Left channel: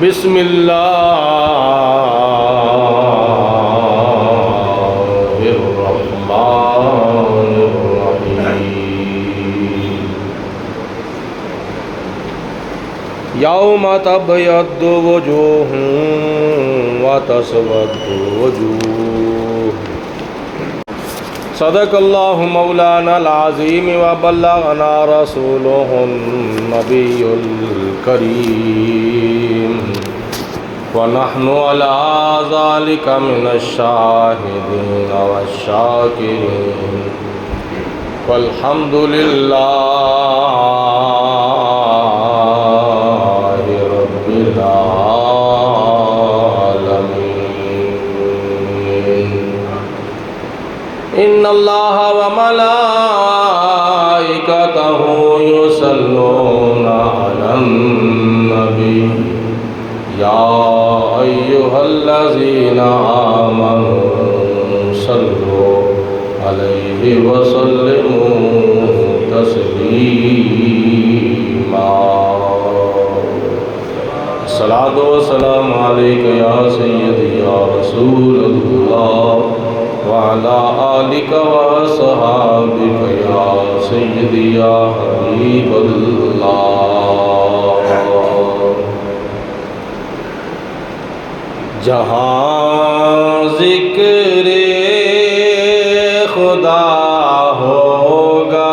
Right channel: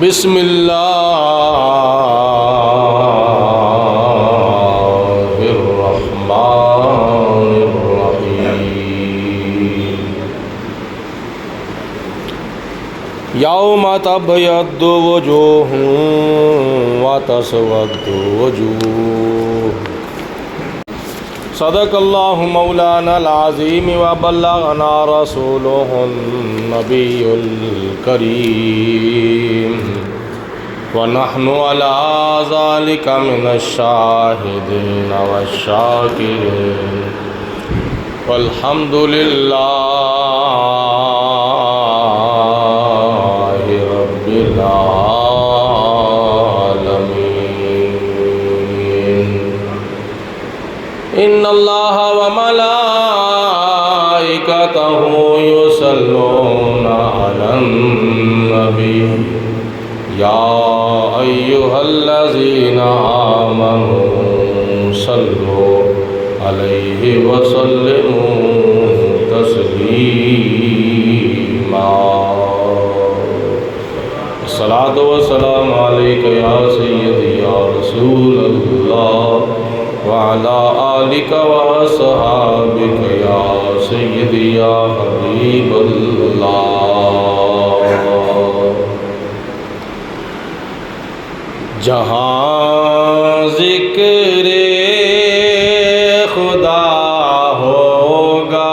بسم اللہ الرحمن الرحیم یوم تبیض وجوہ وتسود وجوہ صدق اللہ مولانا العظیم وبلغنا رسولہ النبی الکریم ونحن علی ذلک من الشاہدین والشاکرین والحمد للہ رب العالمین ان اللہ وملائکتہ یصلون علی النبی یا ایہا الذین آمنوا صلوا علیہ وسلموا تسلیما الصلاۃ والسلام علیک یا سیدی یا رسول اللہ وعلی آلک وصحابک یا سیدی یا حبیب اللہ جہاں ذکر خدا ہوگا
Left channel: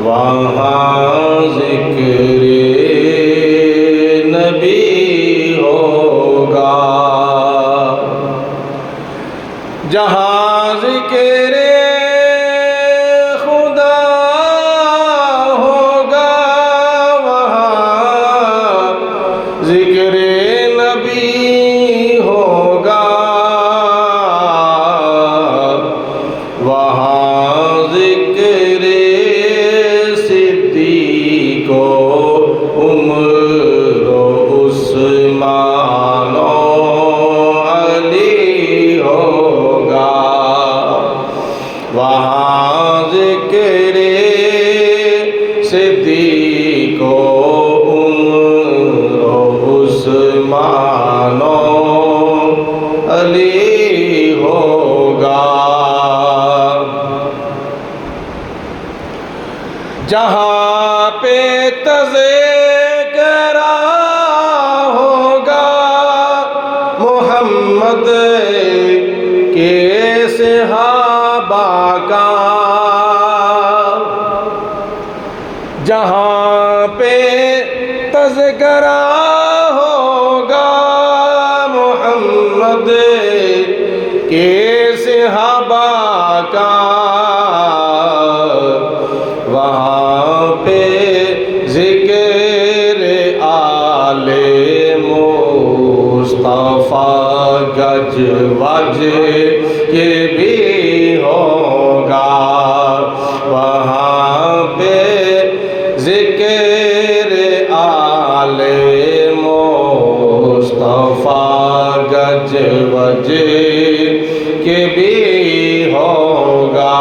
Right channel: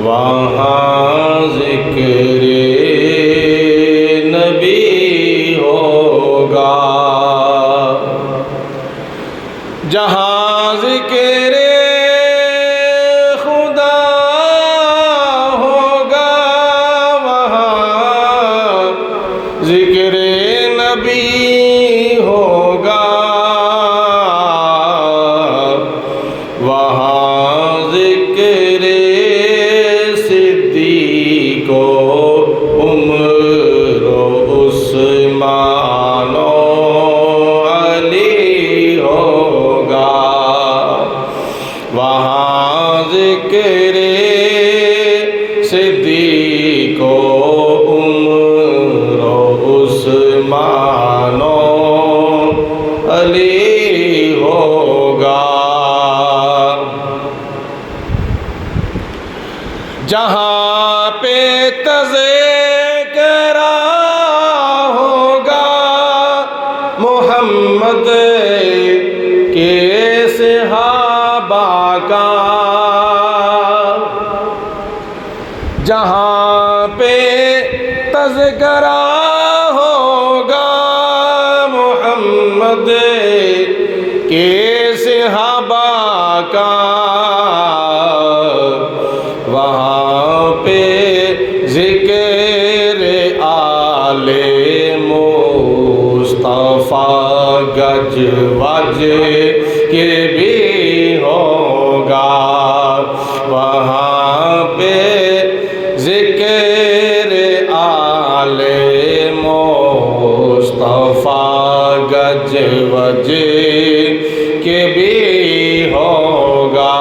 وہاں ذکر نبی ہوگا جہاں ذکر خدا ہوگا وہاں ذکر نبی ہوگا وہاں ذکر صدیق و عمر و عثمان و علی ہوگا وہاں ذکر صدیق و عمر و عثمان و علی ہوگا جہاں پہ تذکرہ ہوگا محمد کے صحابہ کا جہاں پہ تذکرہ ہوگا محمد کے صحابہ کا وہاں پہ ذکر آل مصطفیٰ گج وج کے بھی ہوگا وہاں پہ ذکر آل مصطفیٰ گج وج کے بھی ہوگا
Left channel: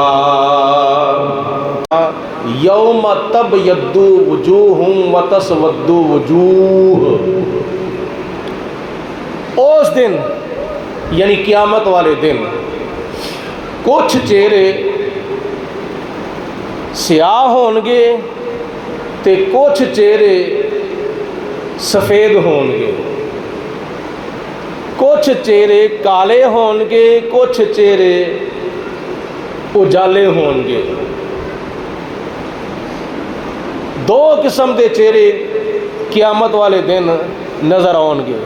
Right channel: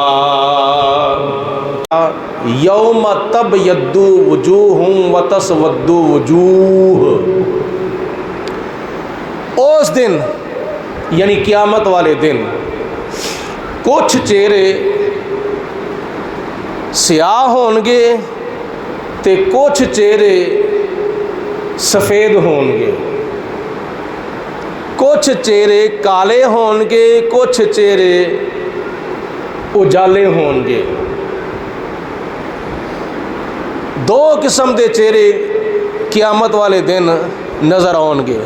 یوم تبیض وجوہ وتسود وجوہ اس دن یعنی قیامت والے دن کچھ چہرے سیاہ ہون گے تے کچھ چہرے سفید ہون گے کچھ چہرے کالے ہون گے کچھ چہرے اجالے ہون گے دو قسم دے چہرے قیامت والے دن نظر آؤ گے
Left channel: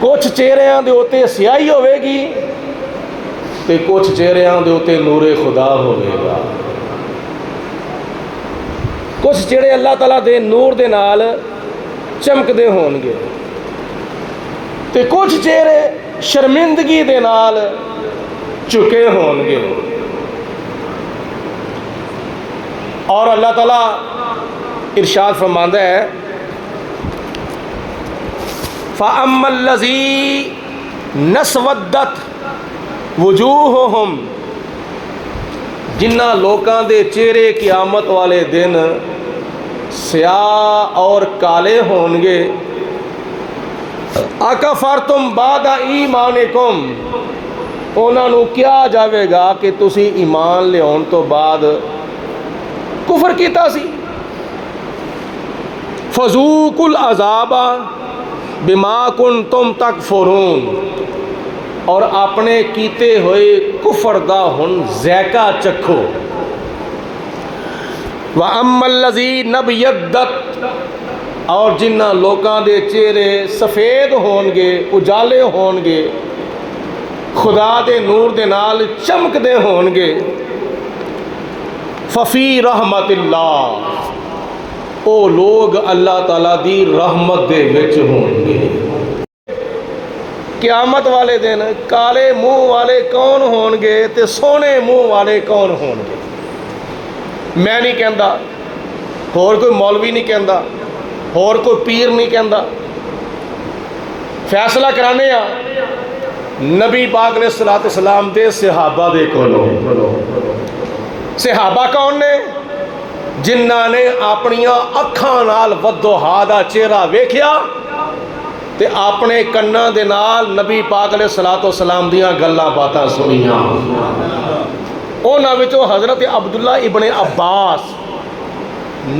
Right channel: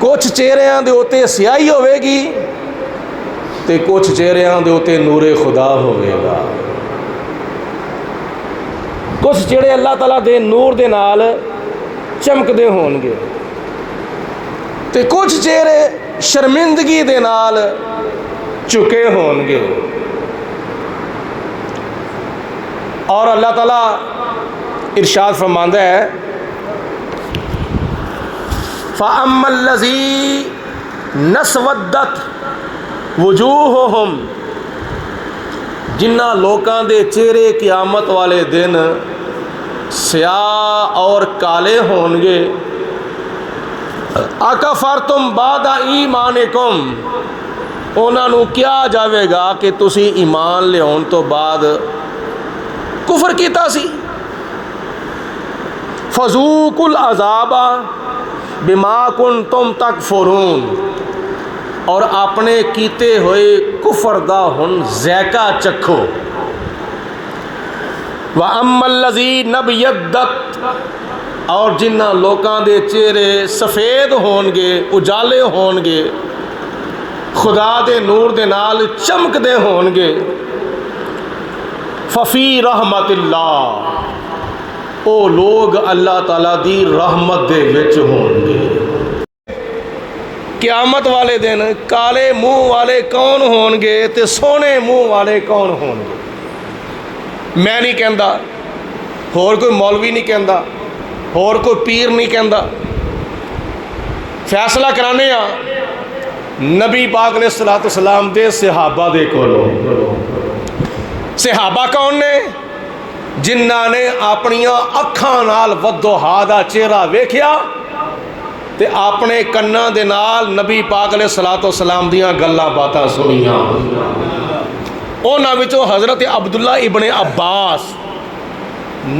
کچھ چہریاں دے اوتے سیاہی ہوے گی تے کچھ چہریاں دے اوتے نور خدا ہوے گا کچھ چہرے اللہ تعالیٰ دے نور دے نال چمکدے ہون گے تے کچھ چہرے شرمندگی دے نال چکے ہون گے اور اللہ تعالیٰ ارشاد فرماندہ ہے فَأَمَّا الَّذِينَ اسْوَدَّتْ وُجُوهُهُمْ جنہ لوکاں دے چہرے قیامت والے دن سیاہ اور کالے ہون گے۔ اکفرتم بعد ایمانکم، انہاں نو کیا جاوے گا کہ تسی ایمان لیاؤن تو بعد کفر کیتا سی۔ فذوقوا العذاب بما کنتم تکفرون، اور اپنے کیتے ہوئے کفر دا ہن ذائقہ چکھو۔ وَأَمَّا الَّذِينَ ابْيَضَّتْ، اور جنہ لوکاں دے چہرے سفید ہون گے، اجالے ہون گے، خدا دے نور دے نال چمک دے ہون گے، ففی رحمت اللہ، او لوگ اللہ تعالیٰ دی رحمت دے وچ ہون گے۔ قیامت والے دن کالے منہ والے کون ہون گے تے سونے منہ والے کون ہون گے؟ میں نہیں کہندا، اور کوئی مولوی نہیں کہندا، اور کوئی پیر نہیں کہندا، فیصلہ کرانے نبی پاک علیہ الصلوۃ والسلام دے صحابہ دے کولوں۔ صحابہ کون نے؟ جنہاں نے اپنیاں اکھاں نال وضحا دا چہرہ ویکھیا تے اپنے کناں دے نال نبی پاک علیہ الصلوۃ والسلام دیاں گلاں باتاں سنیاں۔ انہاں وچوں حضرت عبداللہ ابن عباس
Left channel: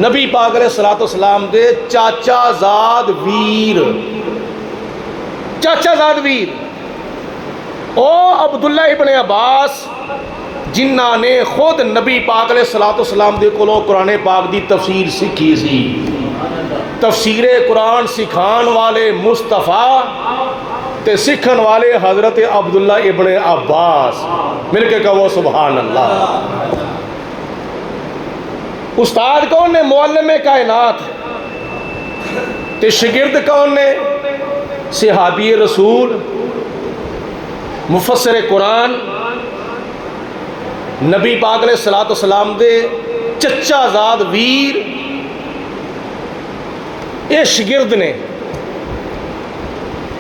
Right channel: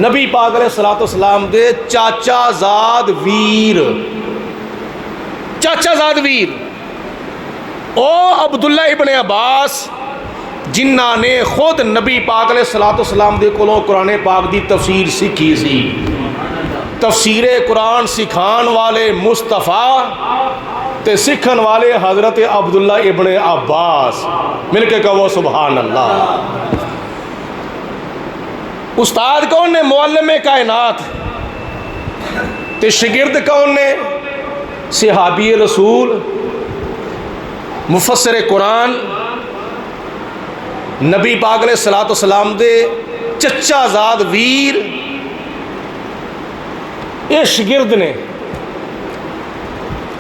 نبی پاک علیہ الصلوۃ والسلام دے چاچا زاد ویر، چاچا زاد ویر، او عبداللہ ابن عباس جنہاں نے خود نبی پاک علیہ الصلوۃ والسلام دے کولوں قرآن پاک دی تفسیر سیکھی سی۔ تفسیر قرآن سکھان والے مصطفیٰ تے سکھن والے حضرت عبداللہ ابن عباس، مل کے کہو سبحان اللہ۔ استاد کون نے؟ معلم کائنات۔ تے شگرد کون نے؟ صحابی رسول، مفسر قرآن، نبی پاک علیہ الصلوۃ والسلام دے چچا زاد ویر، یہ شگرد نے۔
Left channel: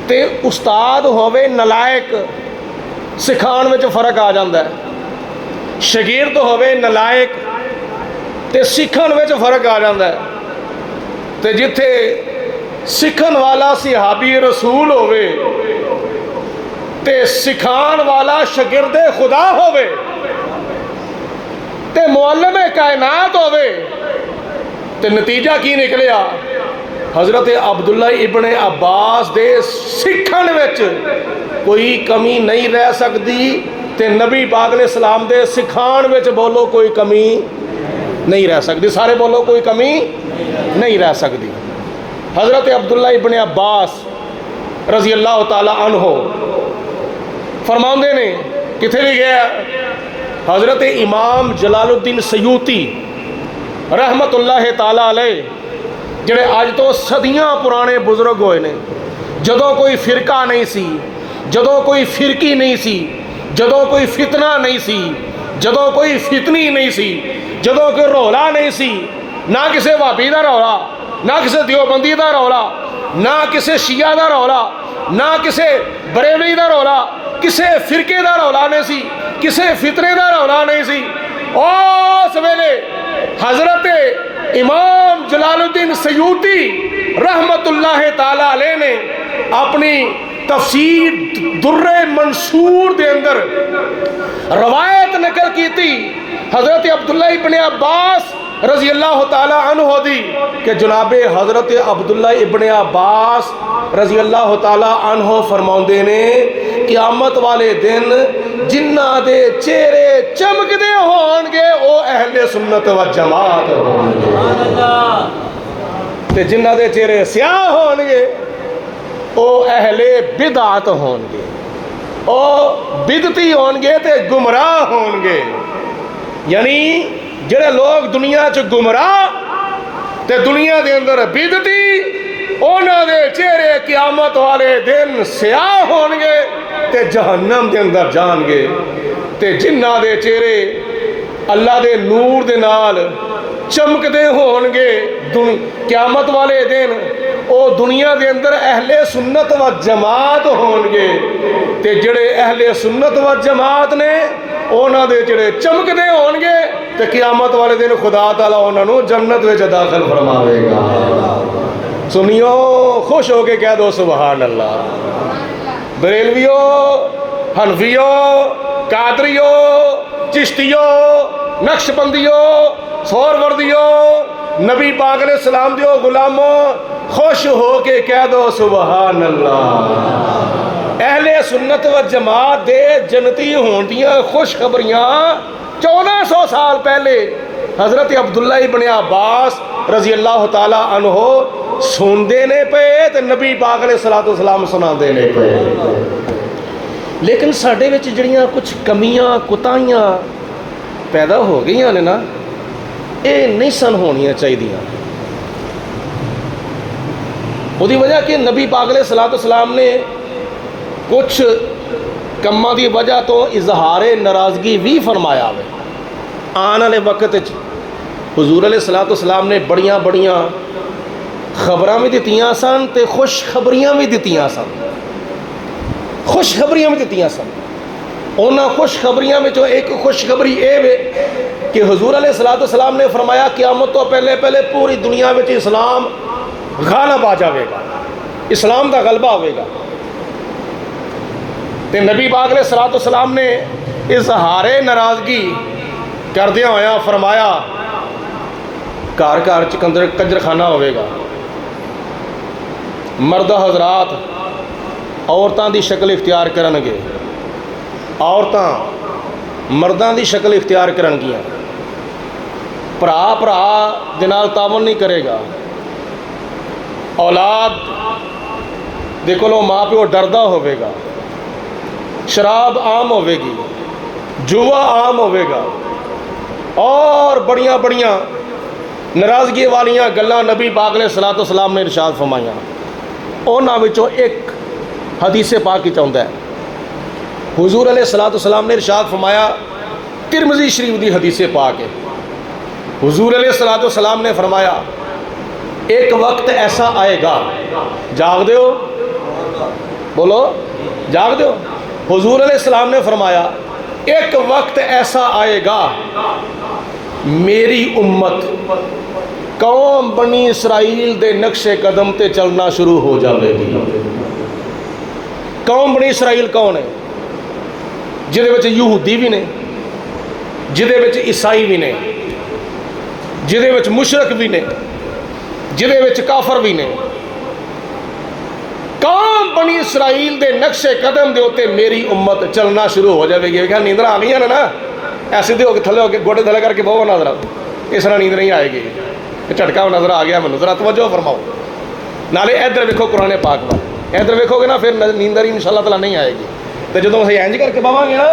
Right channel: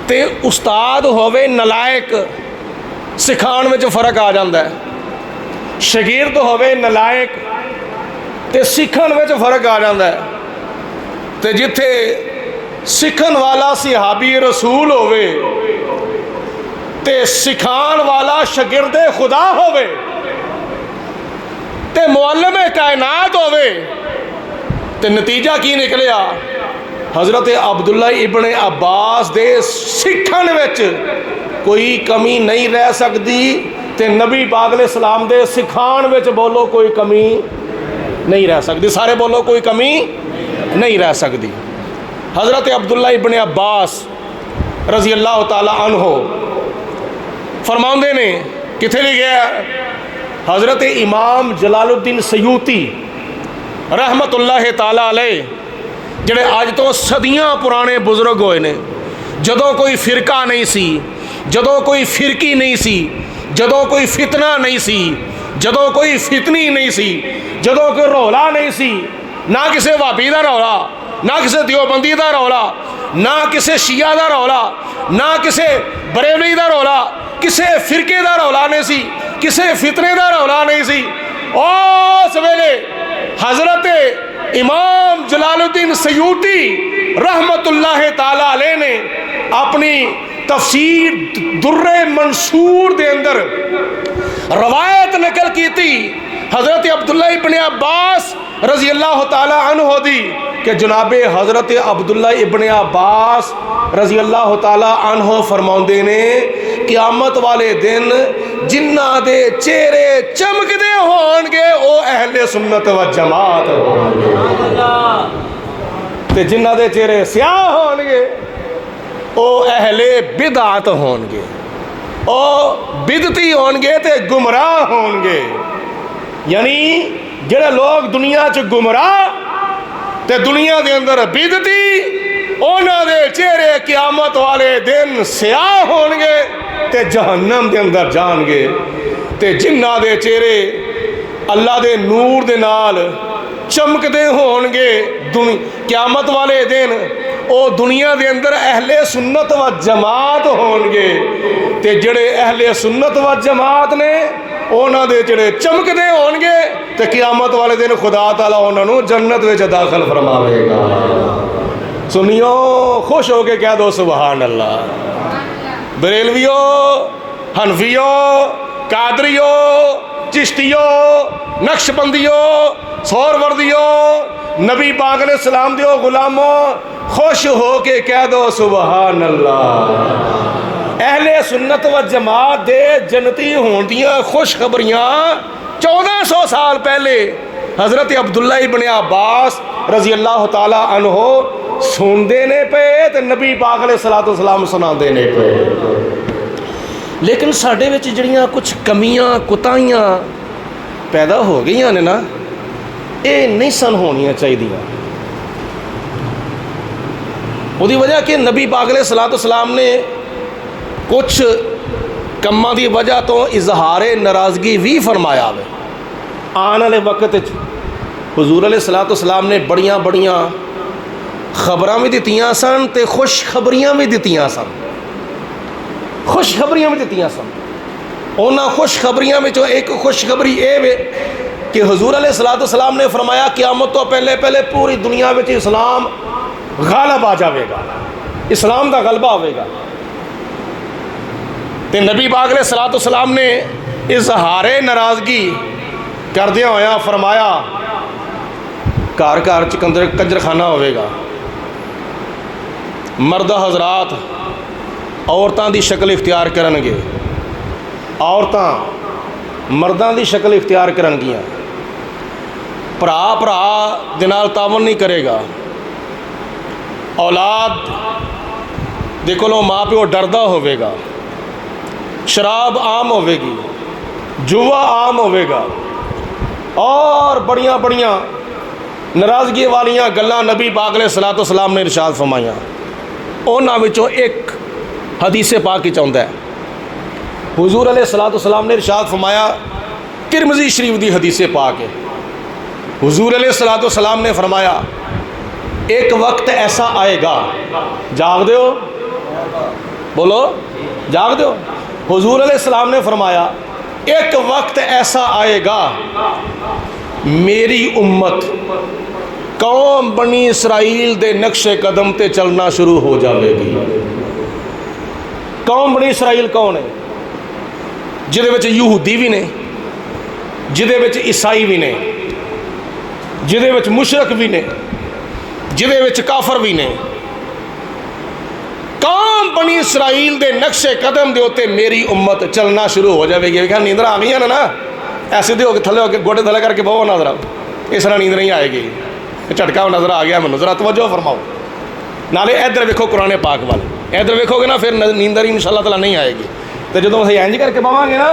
تے استاد ہووے نلائق، سکھان وچ فرق آ جاندا ہے۔ شگرد ہووے نلائق تے سکھن وچ فرق آ جاندا ہے۔ تے جتھے سکھن والا صحابی رسول ہووے تے سکھان والا شگرد خدا ہووے تے معلم کائنات ہووے تے نتیجہ کی نکلیا؟ حضرت عبداللہ ابن عباس دے سکھن وچ کوئی کمی نہیں رہ سکتی تے نبی پاک علیہ السلام دے سکھان وچ بولو کوئی کمی نہیں رہ سکتی۔ سارے بولو کوئی کمی نہیں رہ سکتی۔ حضرت عبداللہ ابن عباس رضی اللہ تعالی عنہ فرماندے نے، کتھے لے گیا؟ حضرت امام جلال الدین سیوطی رحمت اللہ تعالی علیہ، جڑے آج تو صدیاں پرانے بزرگ ہوئے نے، جدوں کوئی فرقہ نہیں سی، جدوں کوئی فرقی نہیں سی، جدوں کوئی فتنہ نہیں سی، جدوں کوئی فتنی نہیں سی، جدوں کوئی رولا نہیں سی، نہ کسے وہابی دا رولا، نہ کسے دیوبندی دا رولا، نہ کسے شیعہ دا رولا، نہ کسے بریلوی دا رولا، کسے فرقے دا رولا نہیں سی، کسے فتنے دا رولا نہیں سی۔ اس ویلے حضرت امام جلال الدین سیوطی رحمت اللہ تعالی علیہ نے اپنی تفسیر در منصور دے اندر روایت نقل کی تھی حضرت عبداللہ ابن عباس رضی اللہ تعالی عنہ دی کہ جناب حضرت عبداللہ ابن عباس رضی اللہ تعالی عنہ فرماؤندے نے قیامت والے دن جنہ دے چہرے چمکدے ہون گے او اہل سنت و جماعت ہون گے، تے جنہ دے چہرے سیاہ ہون گے او اہل بدعت ہون گے، او بدعتی ہون گے تے گمراہ ہون گے۔ یعنی جڑے لوگ دنیا چ گمراہ تے دنیا دے اندر بدعتی، انہاں دے چہرے قیامت والے دن سیاہ ہون گے تے جہنم دے اندر جان گے، تے جنہ دے چہرے اللہ دے نور دے نال چمکدے ہون گے قیامت والے دن او دنیا دے اندر اہل سنت و جماعت ہون گے، تے جڑے اہل سنت و جماعت نے ਉਹਨਾਂ ਦੇ ਜਿਹੜੇ ਚਮਕਦੇ ਹੋਣਗੇ ਤੇ ਕਿਆਮਤ ਵਾਲੇ ਦਿਨ ਖੁਦਾ ਤਾਲਾ ਉਹਨਾਂ ਨੂੰ ਜੰਨਤ ਵਿੱਚ ਦਾਖਲ ਫਰਮਾਵੇਗਾ। ਸੁਣਿਓ, ਖੁਸ਼ ਹੋ ਕੇ ਕਹਿ ਦੋ ਸੁਭਾਨ ਅੱਲਾਹ। ਬਰੇਲਵੀਓ, ਹਨਫੀਓ, ਕਾਦਰੀਓ, ਚਿਸ਼ਤੀਓ, ਨਕਸ਼ਬੰਦੀਓ, ਸੋਹਰਵਰਦੀਓ, ਨਬੀ ਪਾਕ ਅਲੈਹਿ ਸਲਾਮ ਦਿਓ ਗੁਲਾਮੋ, خوش ہو کے کہہ دو سبحان اللہ۔ اہل سنت و جماعت دے جنتی ہون دیاں خوشخبریاں 1400 سال پہلے حضرت عبداللہ ابن عباس رضی اللہ تعالی عنہ سن دینے پہ تے نبی پاک علیہ السلام سنا دینے پہ۔ لیکن ساڈے وچ جڑیاں کچھ کمیاں کوتاہیاں پیدا ہو گئیاں نے نا، اے نہیں سن ہونیاں چاہیے۔ وہی وجہ کہ نبی پاک علیہ السلام نے کچھ کماں دی وجہ تو اظہار ناراضگی بھی فرمایا ہے۔ آنے والے وقت حضور علیہ السلام نے بڑیاں بڑیاں خبراں بھی دتیاں سن تے خوشخبریاں بھی دتیاں سن، خوشخبریاں بھی دتیاں سن۔ انہاں خوشخبریاں وچوں ایک خوشخبری اے وے کہ حضور علیہ السلام نے فرمایا قیامت تو پہلے پہلے پوری دنیا وچ اسلام غالب آ جاوے گا، اسلام دا غلبہ ہوئے گا۔ تے نبی پاک علیہ السلام نے اظہار ناراضگی کردیا ہویا فرمایا گھر گھر کنجر خانہ ہوئے گا، مرد حضرات عورتاں دی شکل اختیار کرن گے، عورتاں مرداں دی شکل اختیار کرن گیاں، بھرا دے نال تعاون نہیں کرے گا، اولاد دے کولوں ماں پیو ڈردا ہوئے گا، شراب عام ہوئے گی، جوا عام ہوئے گا، اور بڑیاں بڑیاں ناراضگی والیاں گلاں نبی پاک علیہ السلام نے ارشاد فرمائیاں۔ انہاں وچوں ایک حدیث پاک وچ آندا ہے، حضور علیہ السلام نے ارشاد فرمایا، ترمذی شریف دی حدیث پاک ہے، حضور علیہ السلام نے فرمایا ایک وقت ایسا آئے گا، جاگ دیو، بولو جاگ دیو۔ حضور علیہ السلام نے فرمایا ایک وقت ایسا آئے گا میری امت قوم بنی اسرائیل دے نقش قدم تے چلنا شروع ہو جاوے گی۔ قوم بنی اسرائیل کون ہے؟ جدے وچ یہودی بھی نے، جدے وچ عیسائی بھی نے، جدے وچ مشرک بھی نے، جدے وچ کافر بھی نے۔ قوم بنی اسرائیل دے نقش قدم دے ہوتے میری امت چلنا شروع ہو جائے گی۔ نیندر آ گئی ہے نا، ایسے دے ہو کے تھلے ہو کے گوڑے تھلے کر کے بہو نظر آؤ، اس طرح نیند نہیں آئے گی، جھٹکا نظر آ گیا مینوں، ذرا توجہ فرماؤ۔ نالے ادھر ویکھو قرآن پاک وال، ادھر ویکھو گے نا پھر نیندر ان شاء اللہ تعالیٰ نہیں آئے گی۔ تو جدوں اسی انج کر کے بہواں گے نا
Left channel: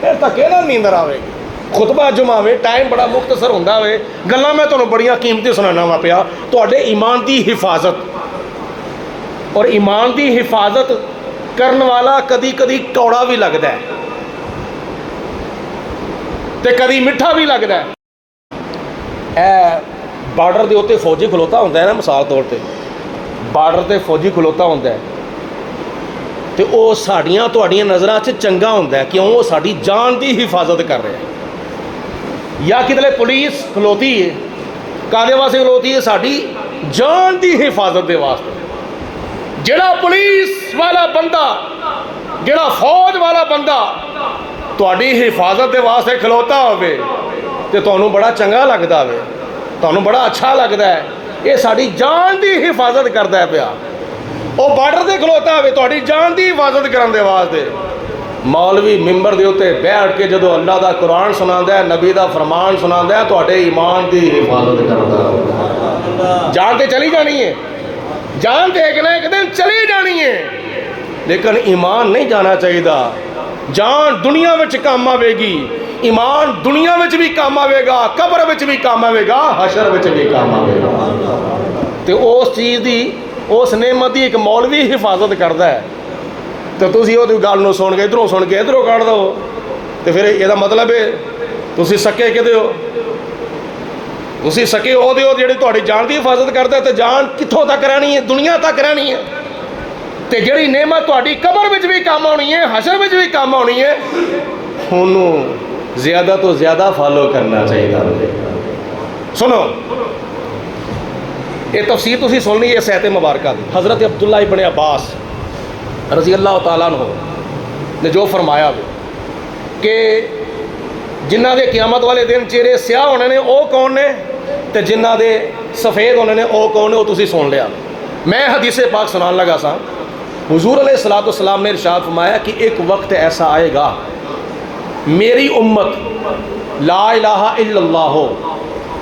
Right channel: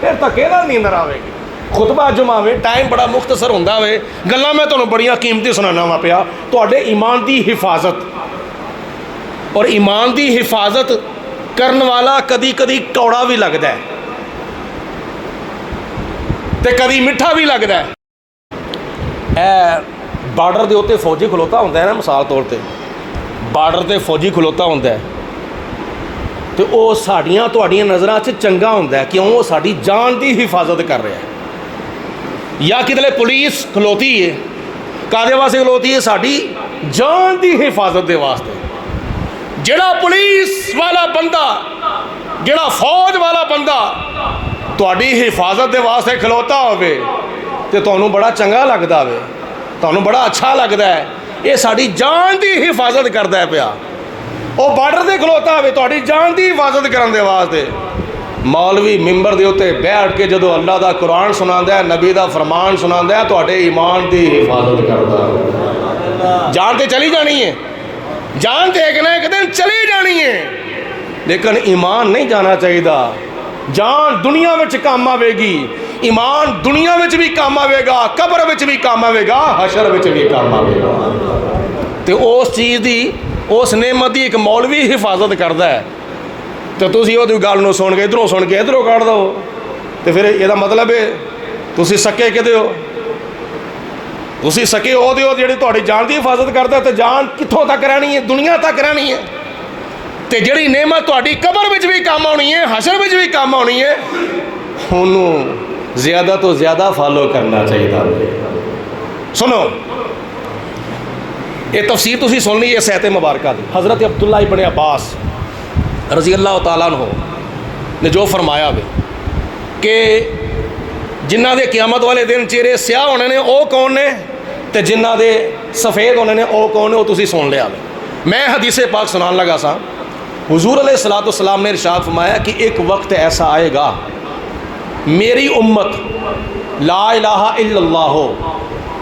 پھر دھکے نال نیندر آئے گی۔ خطبہ جمعہ میں ٹائم بڑا مختصر ہوتا ہے، گلاں میں تمہیں بڑیاں قیمتی سنانا وا پیا، تواڈے ایمان دی حفاظت اور ایمان دی حفاظت کرن والا کدی کدی کوڑا بھی لگتا ہے تے کدی میٹھا بھی لگتا ہے۔ اے بارڈر دے اوتے فوجی کھلوتا ہوتا ہے نا، مثال طور تے بارڈر تے فوجی کھلوتا ہوتا ہے تو وہ ساڈیاں تواڈیاں نظراں چ چنگا ہوتا ہے، کیوں؟ وہ ساڈی جان دی حفاظت کر رہے ہیں۔ یا کدھر پولیس کھلوتی ہے، کادے واسطے کھلوتی ہے؟ ساڈی جان دی حفاظت دے واسطے۔ جڑا پولیس والا بندہ، جڑا فوج والا بندہ تواڈی حفاظت دے واسطے کھلوتا ہوئے تو تانوں بڑا چنگا لگدا ہوئے، تانوں بڑا اچھا لگدا ہے، یہ ساڈی جان دی حفاظت کردا ہے پیا۔ وہ بارڈر تے کھلوتا ہوئے تواڈی جان دی حفاظت کرن دے واسطے۔ مولوی ممبر دے اوتے بیٹھ کے جدو اللہ دا قرآن سناندا ہے، نبی دا فرمان سناندا ہے، تواڈے ایمان دی حفاظت کردا ہے۔ جان تے چلی جانی ہے، جان تے ایک نہ ایک دن چلی جانی ہے، لیکن ایمان نہیں جانا چاہیے۔ جان دنیا وچ کام آوے گی، ایمان دنیا وچ بھی کام آوے گا، قبر وچ بھی کام آوے گا، حشر وچ بھی کام آوے گا۔ تے اس چیز دی، اس نعمت دی ایک مولوی حفاظت کردا ہے، تو تسی وہ گل نو سن کے ادھروں سن کے ادھروں کٹ دو، تو پھر یہ مطلب ہے تسی سکے کدے ہو؟ تسی سکے وہ ہو جڑی تہاڈی جان دی حفاظت کردا ہے، تو جان کتھوں تک رہنی ہے؟ دنیا تک رہنی ہے۔ تے جڑی نعمت تہاڈی قبر وچ بھی کام آنی ہے، حشر وچ بھی کام آنی ہے، زیادہ تو زیادہ فالو کرنا چاہیے. سنو یہ تفسیر تسی سن لی اس آیت مبارکہ دی. حضرت عبداللہ ابن عباس رضی اللہ تعالیٰ عنہ نے جو فرمایا کہ جنہ دے قیامت والے دن چہرے سیاہ ہونے نے وہ کون نے تے جنہ دے سفید ہونے نے وہ کون نے وہ تسی سن لیا. میں حدیث پاک سنان لگا سا. حضور علیہ الصلوۃ والسلام نے ارشاد فرمایا کہ ایک وقت ایسا آئے گا میری امت لا الہ الا اللہ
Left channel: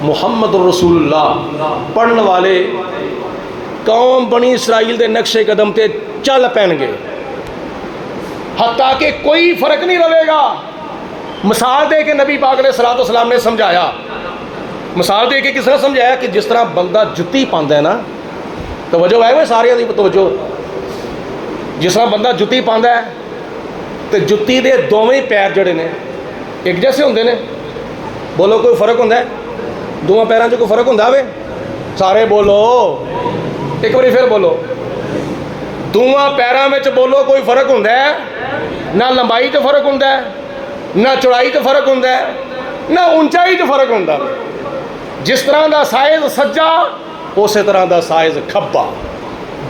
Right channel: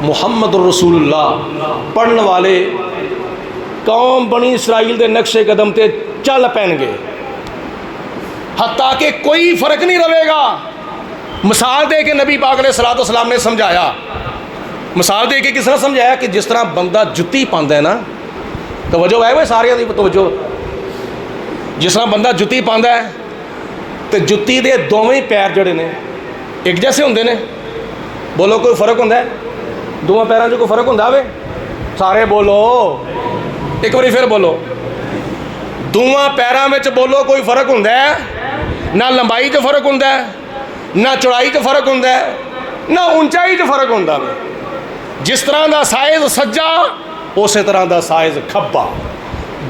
محمد الرسول اللہ پڑھنے والے قوم بنی اسرائیل دے نقش قدم تے چل پین گے حتیٰ کہ کوئی فرق نہیں رہے گا. مثال دے کے نبی پاک علیہ الصلوۃ والسلام نے سمجھایا. مثال دے کے کس طرح سمجھایا کہ جس طرح بندہ جتی پاندا ہے نا, توجہ ہے وہ سارے دی توجہ, جس طرح بندہ جتی پاندا ہے تے جتی دے دوویں پیر جڑے نے ایک جیسے ہوندے نے. بولو کوئی فرق ہوندا ہے دونوں پیراں 'چ کوئی فرق ہوندا وے؟ سارے بولو ایک باری پھر بولو. دونوں پیراں وچ بولو کوئی فرق ہوندا ہے؟ نہ لمبائی 'چ فرق ہوندا ہے, نہ چوڑائی 'چ فرق ہوندا ہے, نہ اونچائی 'چ فرق ہوندا. جس طرح دا سائز سجا اسی طرح دا سائز کھبا,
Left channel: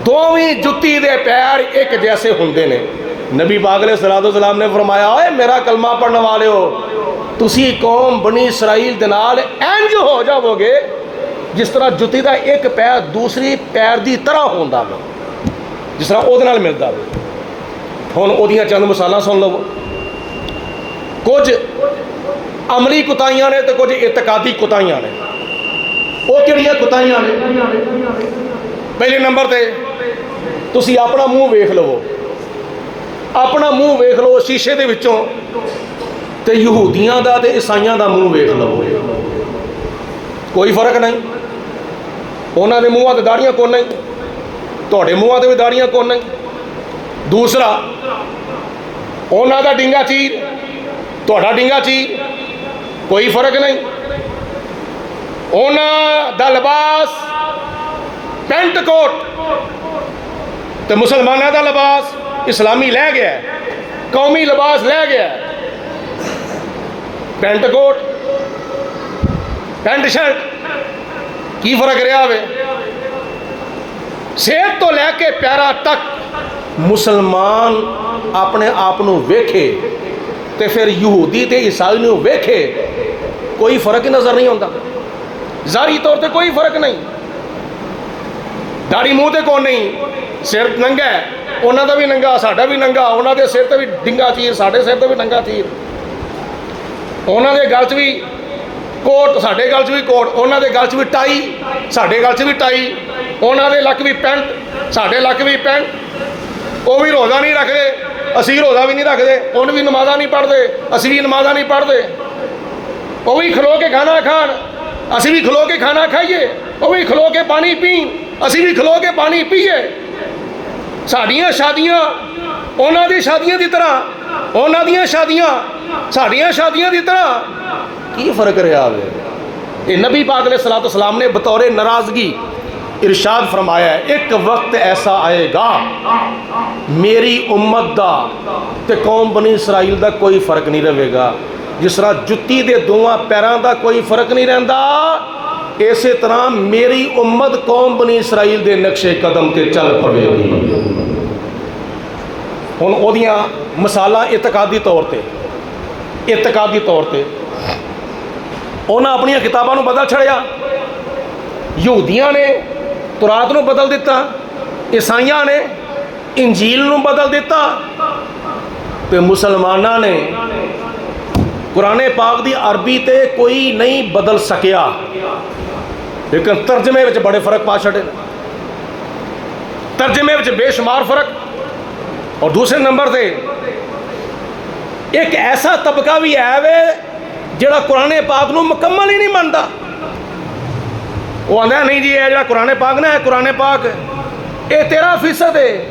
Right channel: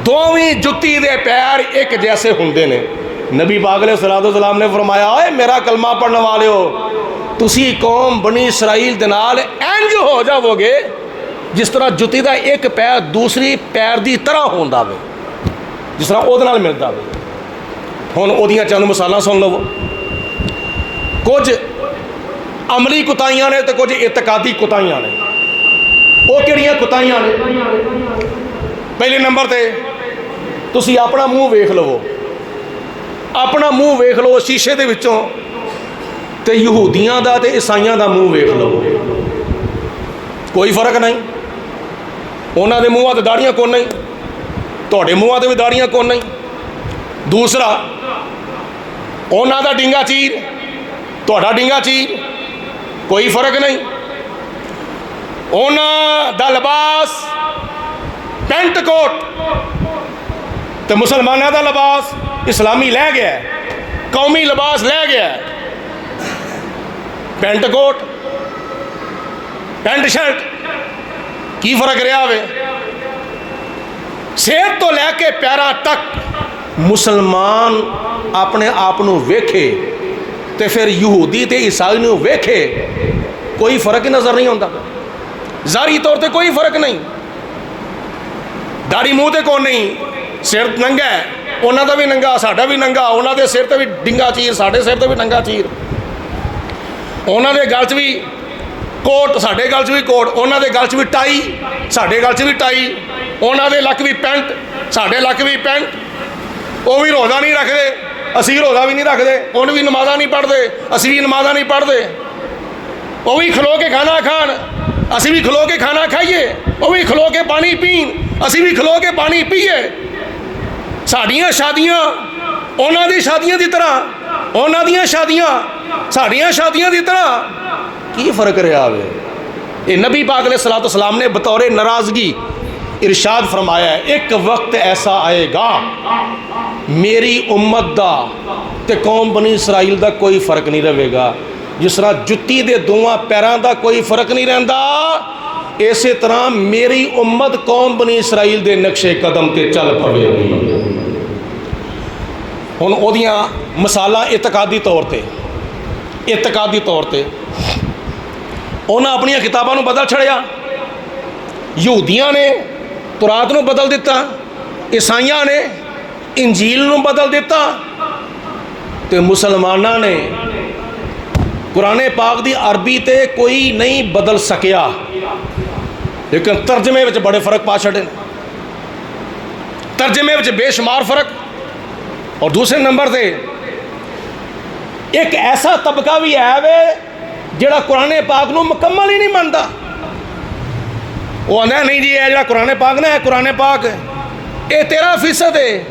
دوویں جتی دے پیر ایک جیسے ہوندے نے. نبی پاک علیہ الصلوۃ والسلام نے فرمایا اے میرا کلمہ پڑھنے والے ہو تسی قوم بنی اسرائیل دے نال انج ہو جاؤ گے جس طرح جتی دا ایک پیر دوسری پیر دی طرح ہوندا وے, جس طرح وہ نال ملتا وے. ہن اودیاں چند مثالاں سن لو. کچھ عملی کوتاہیاں نے تے کچھ اعتقادی کوتاہیاں نے. وہ کہڑیاں کوتاہیاں نے؟ پہلے نمبر تے تسی اپنا منہ ویکھ لو, اپنا منہ ویکھ لو شیشے دے وچوں تے یہودیاں دا تے عیسائیاں دا منہ ویکھ لو, کوئی فرق نہیں. انہاں دے منہاں تے داڑھیاں کون نہیں, تہاڈے منہاں تے بھی داڑھیاں کون نہیں. دوسرا انہاں دا ڈنگا چیر تہاڈا ڈنگا چیر کوئی فرق نہیں. انہاں دا لباس پینٹ کوٹ تے مسلمانوں دا لباس اسلامی لے گیا ہے, قومی لباس لے گیا ہے. پینٹ کوٹ پینٹ شرٹ کی فرق رہا وے؟ صحت تو لے کے پیرا تک مسلمان اپنے آپ نو ویکھے تے پھر یہودی تے عیسائی نو ویکھے کوئی فرق ہی نظر نہیں ہوتا. ظاہری طور تے کوئی فرق نہیں. داڑھی منہ تے کون نہیں, سر ننگا ہے انہاں دا بھی ننگا ساڈا بھی ننگا, انہاں دے سر تے بھی ڈنگا چیر ساڈے سر تے بھی ڈنگا چیر, انہاں دے گل 'چ بھی کوٹ ساڈے گل 'چ بھی کوٹ, انہاں دے گل 'چ بھی ٹائی ساڈے گل 'چ بھی ٹائی, انہاں دے لک بھی پینٹ ساڈے لک بھی پینٹ. وہ بھی روزہ نہیں رکھتے اسی روزہ بھی نہیں رکھتے, انہوں بھی نمازاں نہیں پڑھتے اسی بھی نمازاں نہیں پڑھتے. وہ بھی کھلو کے کھانا کھان اسی بھی کھلو کے کھانا کھائیے, وہ بھی کھلو کے پانی پین اسی بھی کھلو کے پانی پیئے. ساڈیاں شادیاں انہاں دی شادیاں دی طرح, انہاں دیاں شادیاں ساڈیاں شادیاں دی طرح, کی فرق رہا ہے؟ یہ نبی پاک علیہ الصلوۃ والسلام نے بطور ناراضگی ارشاد فرمایا ہے ایک وقت ایسا آئے گا میری امت دا تے قوم بنی اسرائیل دا کوئی فرق نہیں رہے گا. جس طرح جتی دے دونوں پیراں دا کوئی فرق نہیں رہندا اسی طرح میری امت قوم بنی اسرائیل دے نقش قدم تے چل پوے گی. ہن اودیاں مثالاں اعتقادی طور تے انہاں اپنی کتاباں نو بدل چھڑیا. یہودیاں نے تورات نو بدل دیتا, عیسائیاں نے انجیل نو بدل دیتا, تے مسلماناں نے قرآن پاک دی عربی تے کوئی نہیں بدل سکیا لیکن ترجمے وچ بڑے فرق پا چھڑے, ترجمے وچ بے شمار فرق. اور دوسرے نمبر تے ایک ایسا طبقہ بھی ہے وے جڑا قرآن پاک نو مکمل ہی نہیں مانتا. وہ آندا ہے نہیں جی یہ جڑا قرآن پاک نہ ہے قرآن پاک یہ 13% ہے.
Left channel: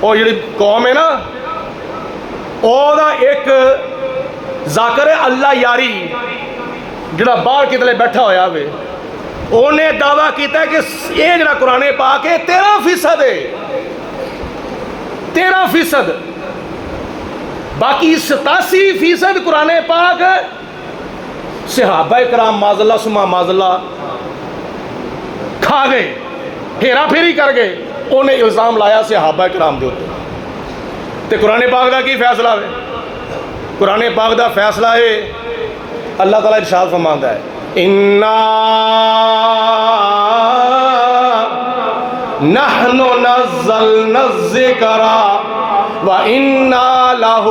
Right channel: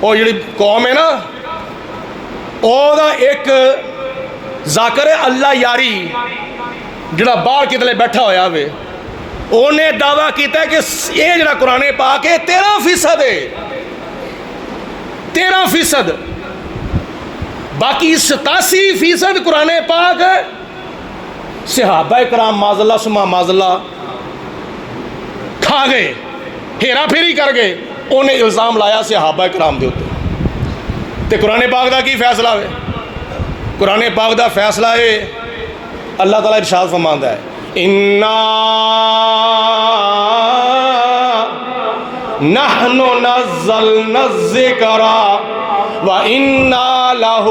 وہ جڑی قوم ہے نا وہ دا ایک ذاکر اللہ یاری جڑا باہر کتنے بیٹھا ہویا وے انہیں دعویٰ کیتا ہے کہ یہ جڑا قرآن پاک ہے 13% ہے. 13% باقی 87% قرآن پاک صحابہ کرام معذاللہ سما معذاللہ کھا گئے، ہیرا پھیری کر گئے، انہیں الزام لایا صحابہ کرام دے اوپر۔ تے قرآن پاک دا کی فیصلہ ہے؟ قرآن پاک دا فیصلہ ہے، اللہ تعالیٰ ارشاد فرماندا ہے اِنَّا نَحْنُ نَزَّلْنَا الذِّكْرَ وَإِنَّا لَهُ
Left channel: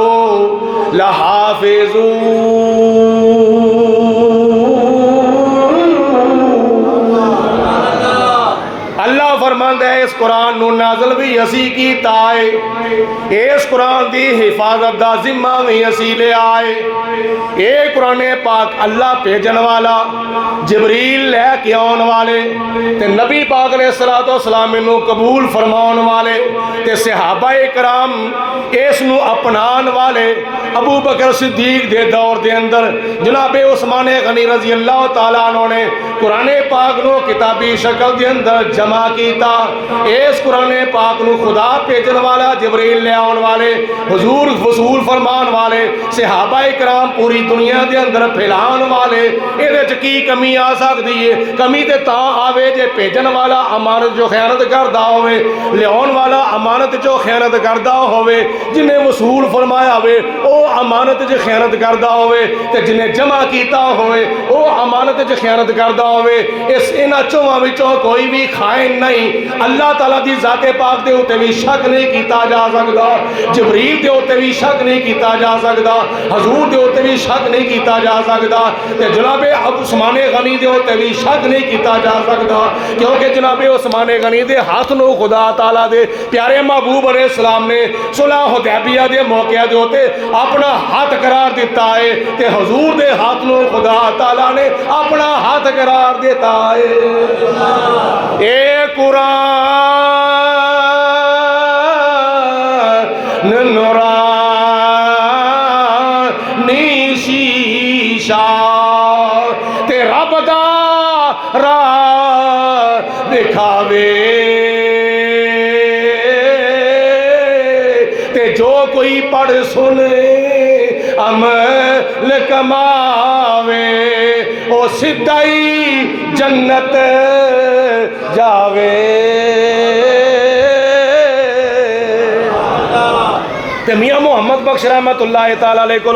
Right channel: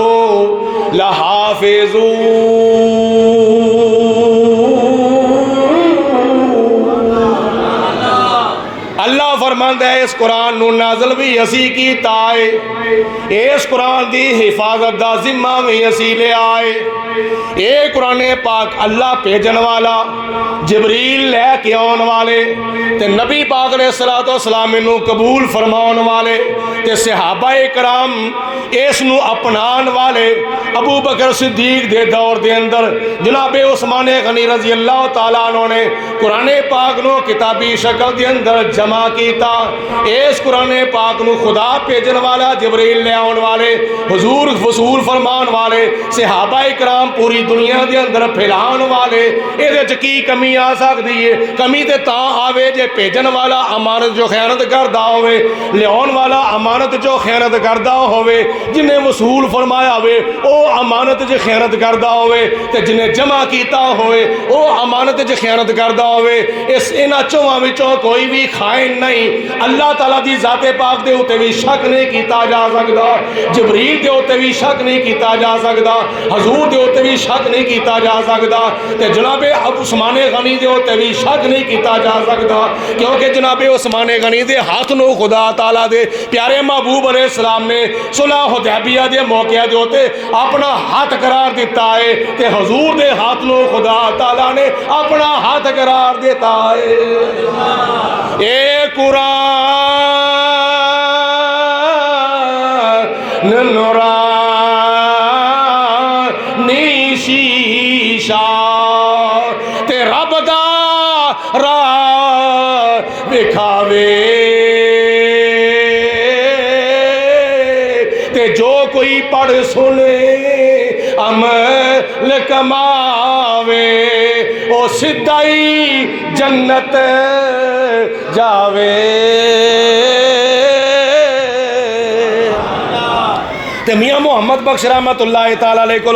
لَحَافِظُونَ۔ اللہ فرماندا ہے اس قرآن نو نازل بھی اسی کیتا ہے، اس قرآن دی حفاظت دا ذمہ بھی اسی لے آئے۔ اے قرآن پاک اللہ بھیجن والا، جبریل لے کے آن والے تے نبی پاک علیہ السلام نو قبول فرمان والے تے صحابہ کرام اس نو اپنان والے، ابو بکر صدیق دے دور دے اندر جناب عثمان غنی رضی اللہ تعالیٰ عنہ نے قرآن پاک نو کتابی شکل دے اندر جمع کیتا۔ اس قرآن پاک نو خدا بھیجن والا، جبریل لے آن والے، حضور وصول فرمان والے، صحابہ کرام پوری دنیا دے اندر پھیلان والے، اے دے کی کمی آ سکتی ہے؟ کمی تے تاں آوے جے بھیجن والا امانت جو خیانت کردہ ہوئے، لیاؤن والا امانت جو خیانت کردہ ہوئے، جنہیں وصول فرمایا ہوئے او امانت جو خیانت کردہ ہوئے، تے جنہیں جمع کیتا ہوئے او امانت جو خیانت کردہ ہوئے۔ اس انہاں چوہاں وچوں کوئی بھی خائن نہیں۔ اللہ تعالیٰ دی ذات پاک دے ہوتے بھی شک نہیں کیتا جا سکتا، جبریل دے ہوتے بھی شک نہیں کیتا جا سکتا، حضور دے ہوتے بھی شک نہیں کیتا جا سکتا، تے جناب عثمان غنی دے ہوتے بھی شک نہیں کیتا جا سکتا، کیونکہ جناب عثمان غنی دے ہاتھ نو خدا تعالیٰ دے پیارے محبوب علیہ السلام نے صلح حدیبیہ دے موقع دے ہوتے اپنا ہاتھ قرار دیتا ہے، تے حضور دے ہاتھ نو خدا تعالیٰ نے اپنا ہاتھ قرار دیتا ہے۔ اے قرآن نورانی شیشہ تے رب دا راہ دکھاوے، تے جو کوئی پڑھ سنے عمل کماوے، او سدھائی جنت جاوے۔ تے میاں محمد بخش رحمت اللہ تعالیٰ علیہ کو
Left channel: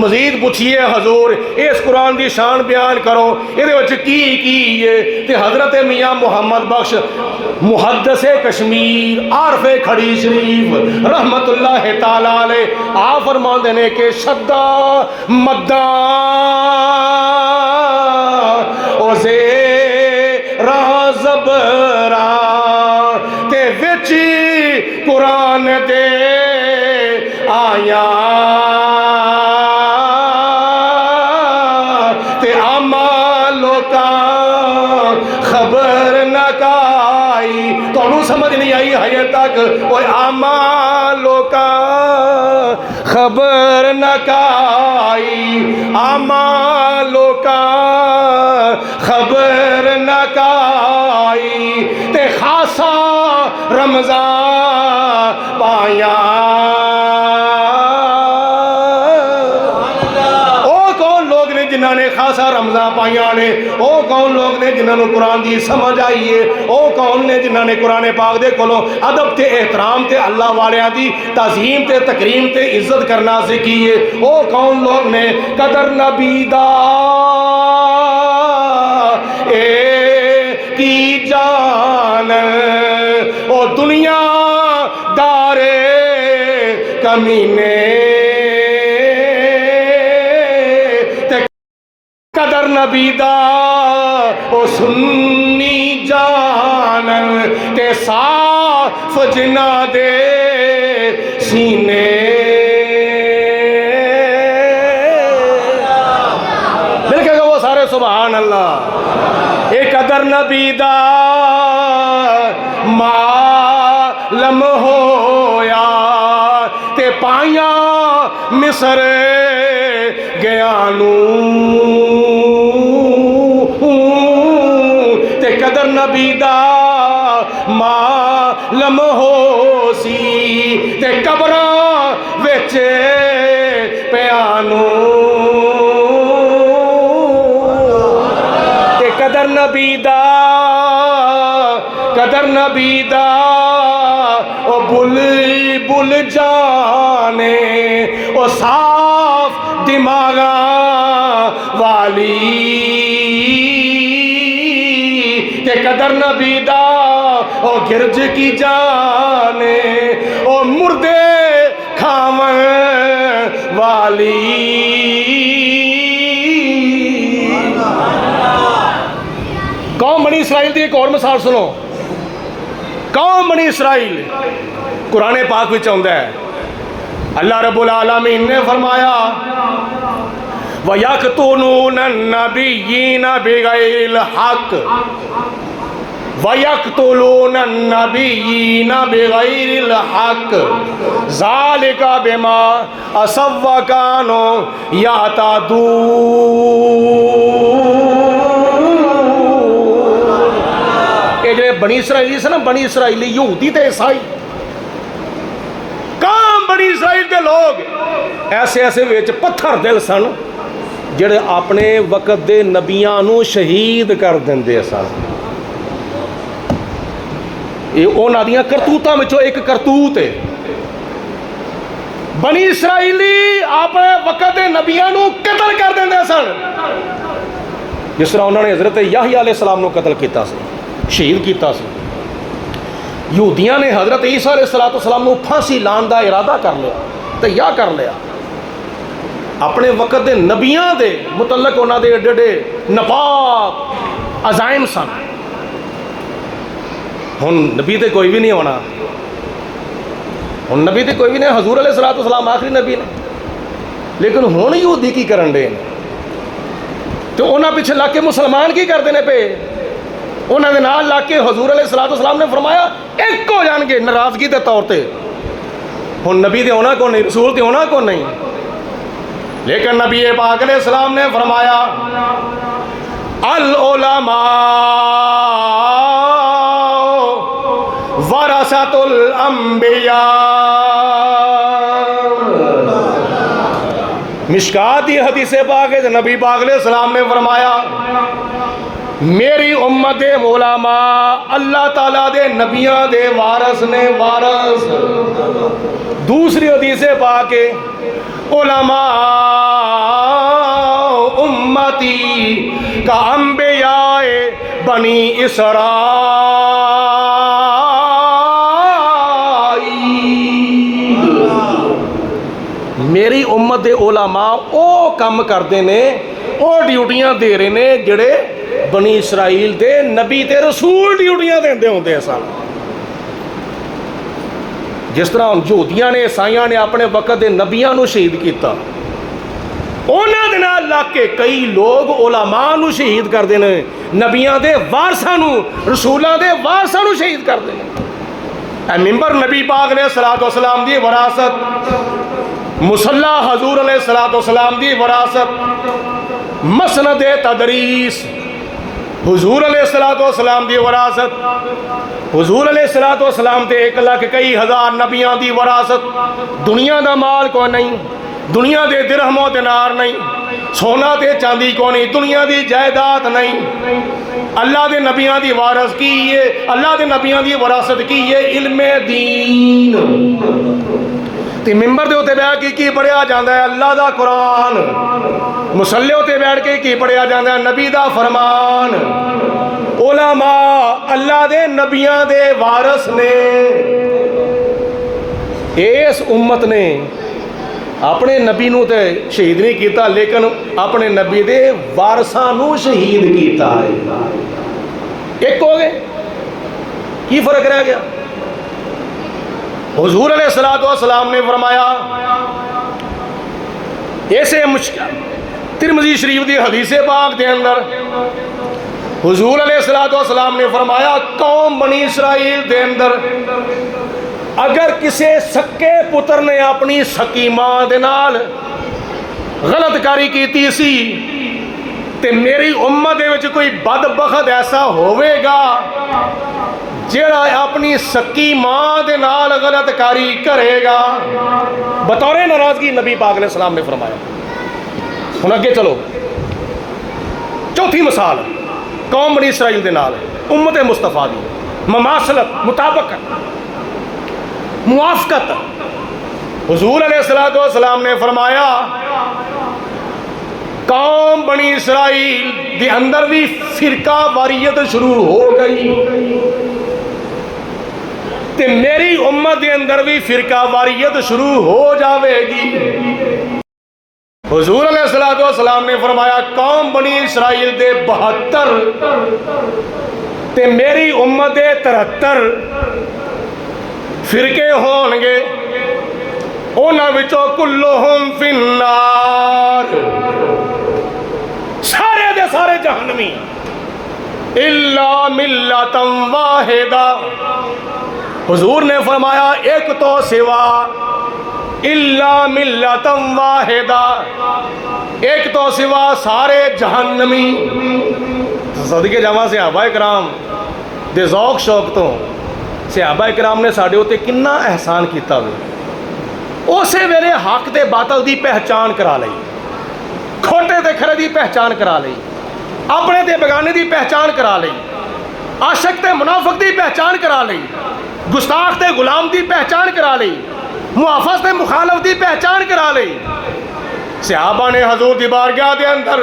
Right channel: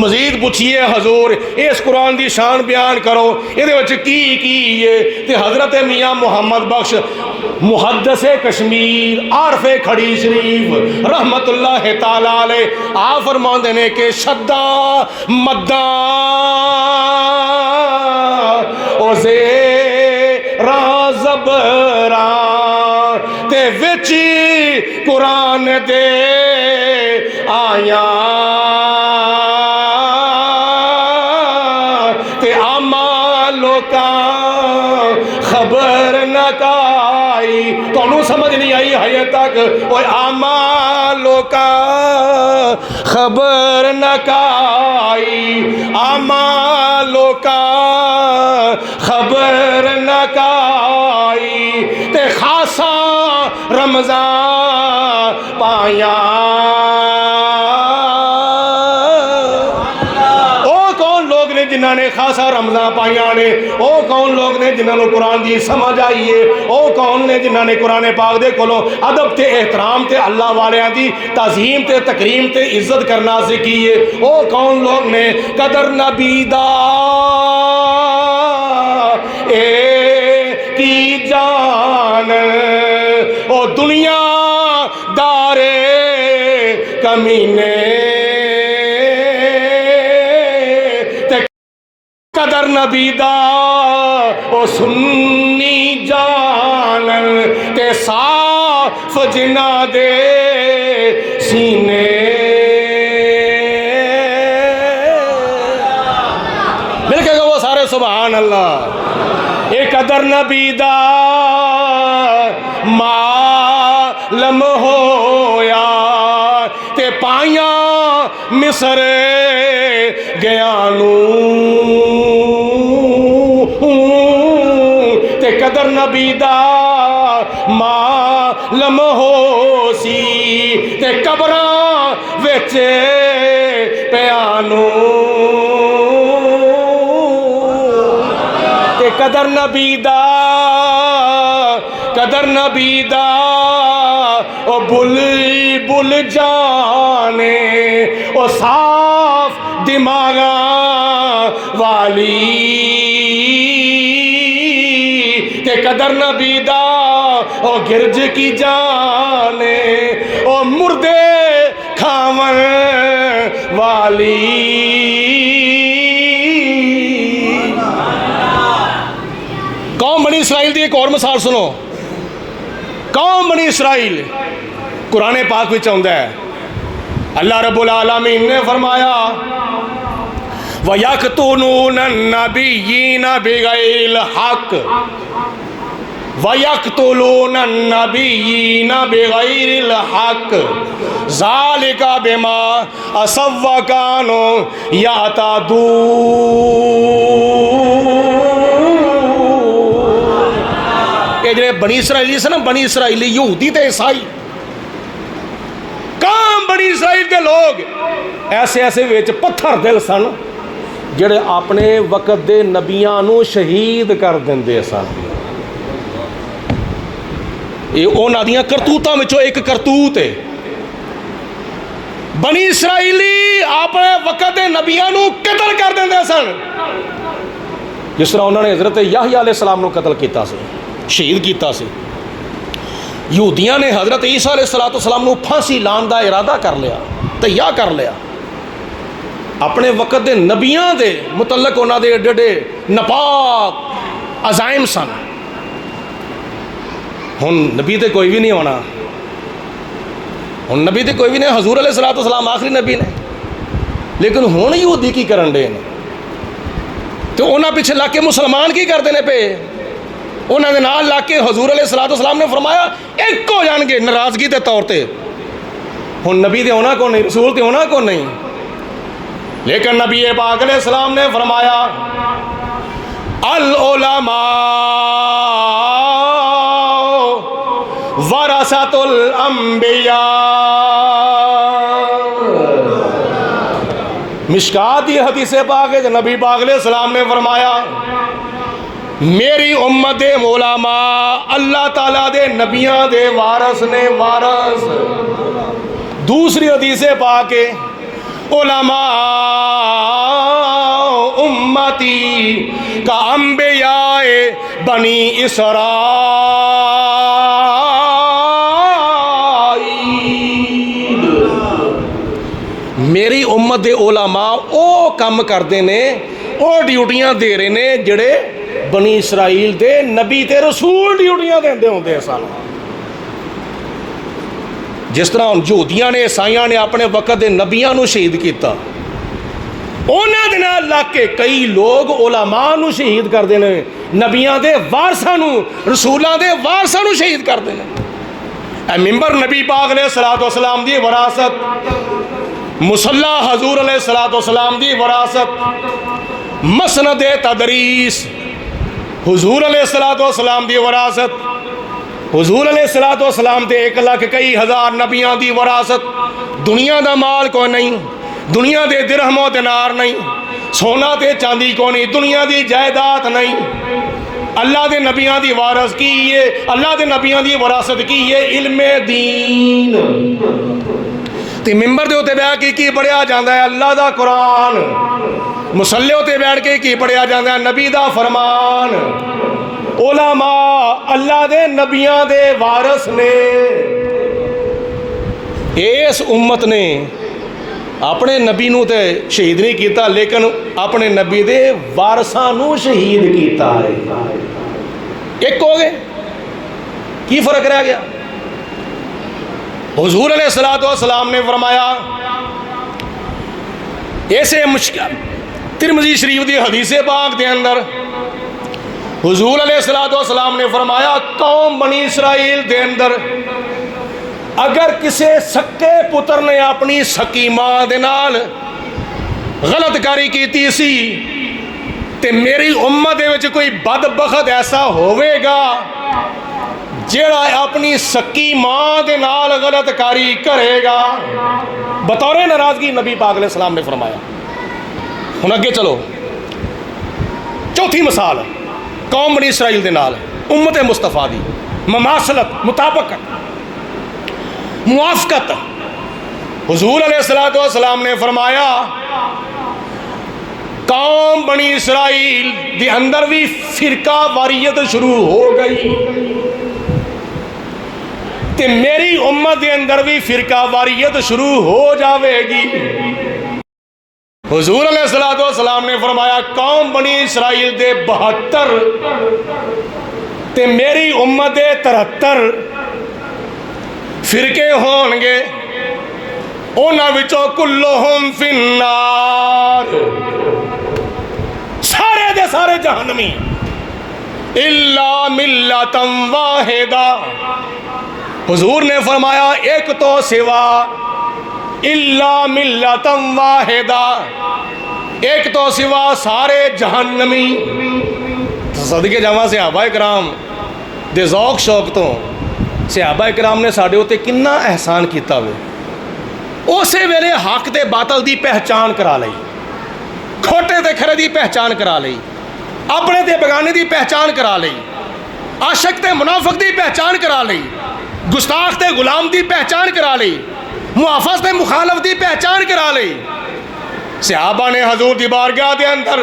مزید پوچھئے حضور اس قرآن دی شان بیان کرو، یہ دے وچ کی ہے؟ تے حضرت میاں محمد بخش محدث کشمیر عارف کھڑی شریف رحمت اللہ تعالیٰ علیہ آپ فرمان دینے کہ شدہ مدہ او زیرہ زبرہ تے وچی قرآن دے آیا تے آما لوکا خبر نہ کائی۔ کونوں سمجھ نہیں آئی ہے تک؟ وہ آما لوکا خبر نہ کائی، آما لوکا خبر نہ کائی، تے خاصا رمضان پایا۔ جنہاں نے خاصا رمضان پائیاں نے، او کون لوگ نے جنہاں نے قرآن دی سمجھ آئیے، او کون نے جنہاں نے قرآن پاک دے کولوں ادب تے احترام تے اللہ والیاں دی تعظیم تے تکریم تے عزت کرنا سکھیے، او کون لوگ نے قدر نبی دا اے کی جان، او دنیا دارے کمینے قدر نبی دا او سنی جان تے صاف جنا دے سینے۔ مل کے وہ سارے سبحان اللہ۔ اے قدر نبی دا معلم ہویا تے پائیاں مصر گیانوں، تے قدر قدر نبی دا معلوم ہو سی تے قبراں وچ پیانو تے قدر نبی دا او بل بل جانے او صاف دماغاں والی تے قدر نبی دا او گرج کی جانے او مردے کھاون والی قوم بنی اسرائیل دی ایک اور مثال سنو قوم بنی اسرائیل قرآن پاک وچ آندا ہے اللہ رب العالمین نے فرمایا وَيَقْتُلُونَ النَّبِيِّينَ بِغَيْرِ الْحَقِّ وَيَقْتُلُونَ النَّبِيِّينَ بِغَيْرِ الْحَقِّ ذَلِكَ بِمَا عَصَوا وَكَانُوا يَعْتَدُونَ یہ جو بنی اسرائیلی سے نا بنی اسرائیلی یہودی تے عیسائی کام بنی اسرائیل کے لوگ ایسے ایسے ویچ پتھر دل سن جڑے اپنے وقت دے نبیاں نو شہید کر دیندے سن یہ اونا دیاں کرتوتاں میں ایک کرتوت ہے بنی اسرائیلی اپنے وقت دے نبیاں نو قتل کر دیندے سن جس طرح انہوں نے حضرت یحییٰ علیہ السلام نو قتل کیتا سی شہید کیتا سی یہودیاں نے حضرت عیسیٰ علیہ السلام نو پھانسی لان دا ارادہ کر لیا تیار کر لیا اپنے وقت دے نبیاں دے متعلق انہاں دے ایڈے ایڈے نپاک عزائم سن ہن نبی تے کوئی بھی نہیں ہونا ہن نبی تے کوئی بھی نہیں حضور علیہ السلام آخری نبی نے لیکن ہن یہودی کی کرن دے نے تو انہاں پیچھے لگ کے مسلمان کی کر دینے پہ انہاں دے نال لگ کے حضور علیہ السلام نے فرمایا ایک ہو جان گے ناراضگی دے طور تے ہن نبی تے ہونا کو نہیں رسول تے ہونا کو نہیں لیکن نبی پاک علیہ السلام نے فرمایا العلماء ورثۃ الانبیاء مشکات یہ حدیث پاک ہے نبی پاک علیہ السلام نے فرمایا میری امت علماء اللہ تعالیٰ دے نبیاں دے وارث نے وارث دوسری حدیث پاک ہے علماء امتی کا انبیاء بنی اسرائیل میری امت دے علماء او کم کردے نے او ڈیوٹیاں دے رہے نے جڑے بنی اسرائیل دے نبی تے رسول ڈیوٹیاں دیندے ہوندے سن جس طرح یہودیاں نے عیسائیاں نے اپنے وقت دے نبیاں نو شہید کیتا انہاں دے نال لگ کے کئی لوگ علماء نو شہید کر دینے نبیاں دے وارثاں نو رسولاں دے وارثاں نو شہید کر دینے اے ممبر نبی پاک علیہ السلام دی وراثت مصلی حضور علیہ السلام دی وراثت مسند تدریس حضور علیہ السلام دی وراثت حضور علیہ السلام تے 1,00,000 کئی ہزار نبیوں دی وراثت دنیا دا مال کو نہیں دنیا دے درہم و دینار نہیں سونا تے چاندی کو نہیں دنیا دی جائیداد نہیں اللہ دے نبیوں دی وارث کی ہے اللہ دے نبیوں دی وراثت کی ہے علم دین تے ممبر دے ہوتے بیٹھ کے کی پڑھیا جاندہ ہے اللہ دا قرآن مصلی ہوتے بیٹھ کے کی پڑھیا جاندہ ہے نبی دا فرمان علماء اللہ دے نبیاں دے وارث نے اس امت نے اپنے نبی نو تے شہید نہیں کیتا لیکن اپنے نبی دے وارثاں نو شہید کیتا ہے ایک ہو گئے کی فرق رہ گیا حضور علیہ السلام نے فرمایا ایسے مشکل ترمذی شریف دی حدیث پاک دے اندر حضور علیہ السلام نے فرمایا قوم بنی اسرائیل دے اندر اگر کسی سکے پتر نے اپنی سکی ماں دے نال غلط کاری کیتی سی تے میری امت دے وچ کوئی بدبخت ایسا ہوئے گا جیڑا اپنی سکی ماں دے نال غلط کاری کرے گا، بطور ناراضگی نبی پاک علیہ السلام نے فرمایا۔ ہن اگے چلو، چوتھی مثال قوم بنی اسرائیل دے نال امت مصطفیٰ دی مماثلت، مطابقت، موافقت۔ حضور علیہ السلام نے فرمایا قوم بنی اسرائیل کے اندر بھی فرقہ واریت شروع ہو گئی تے میری امت کے اندر بھی فرقہ واریت شروع ہو جاوے گی۔ حضور علیہ السلام نے فرمایا قوم بنی اسرائیل دے 72 تے میری امت دے 73 فرقے ہون گے، انہاں وچوں کلہم فی النار، سارے دے سارے جہنمی، الا ملۃ واحدہ۔ حضور نے فرمایا ایک تو سوا، الا ملۃ واحدہ، ایک تو سوا سارے جہنمی۔ صدقے جاواں صحابہ کرام دے ذوق شوق تو صحابہ کرام نے ساڈے اوتے کنا احسان کیتا ہوئے، اسی ویلے حق تے باطل دی پہچان کرا لئی، کھوٹے تے کھرے دی پہچان کرا لئی، اپنے تے بگانے دی پہچان کرا لئی، عاشق تے منافق دی پہچان کرا لئی، گستاخ تے غلام دی پہچان کرا لئی، محافظ تے مخالف دی پہچان کرا لئی۔ صحابہ نے حضور دی بارگاہ دے اندر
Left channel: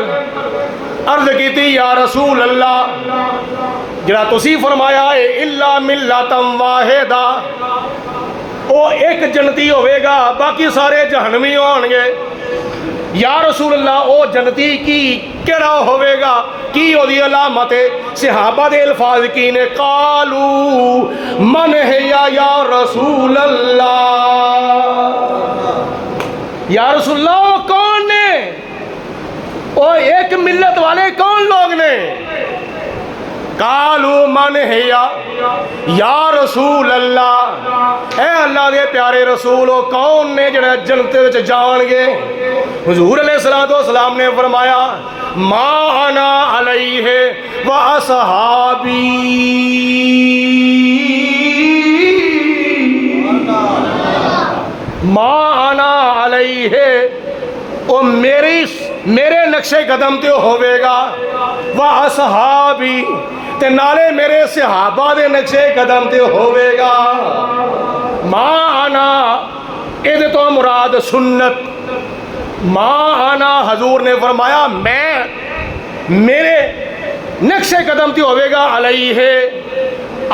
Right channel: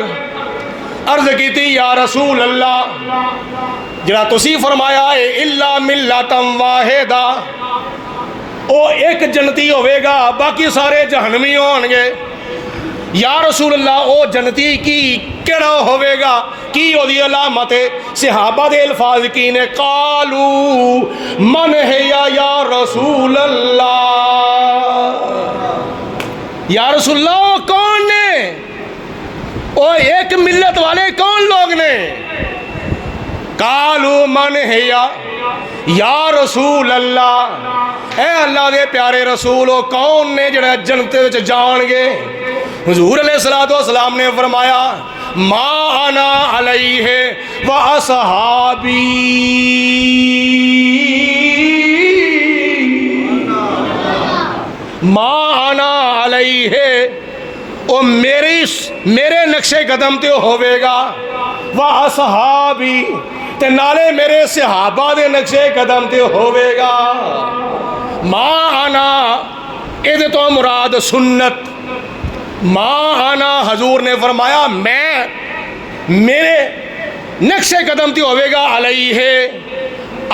عرض کیتی یا رسول اللہ، جڑا تسی فرمایا ہے الا ملۃ واحدہ، او ایک جنتی ہوئے گا باقی سارے جہنمی ہون گے، یا رسول اللہ او جنتی کی کیڑا ہوئے گا، کی او دی علامت ہے؟ صحابہ دے الفاظ کی نے، قالو من ہے یا رسول اللہ، یا رسول اللہ وہ کون نے، وہ ایک ملت والے کون لوگ نے؟ قالو من ہے یا رسول اللہ، اے اللہ دے پیارے رسول وہ کون نے جڑے جنت وچ جان گے؟ حضور علیہ السلام نے فرمایا ما انا علیہ و اصحابی، ما انا علیہ، وہ میرے نقش قدم تے ہوئے گا، و اصحابی تے نالے میرے صحابہ دے نقش قدم تے ہوئے گا۔ ما انا اے تو مراد سنت، ما انا حضور نے فرمایا میں، میرے نقش قدم تے ہوئے گا، علیہ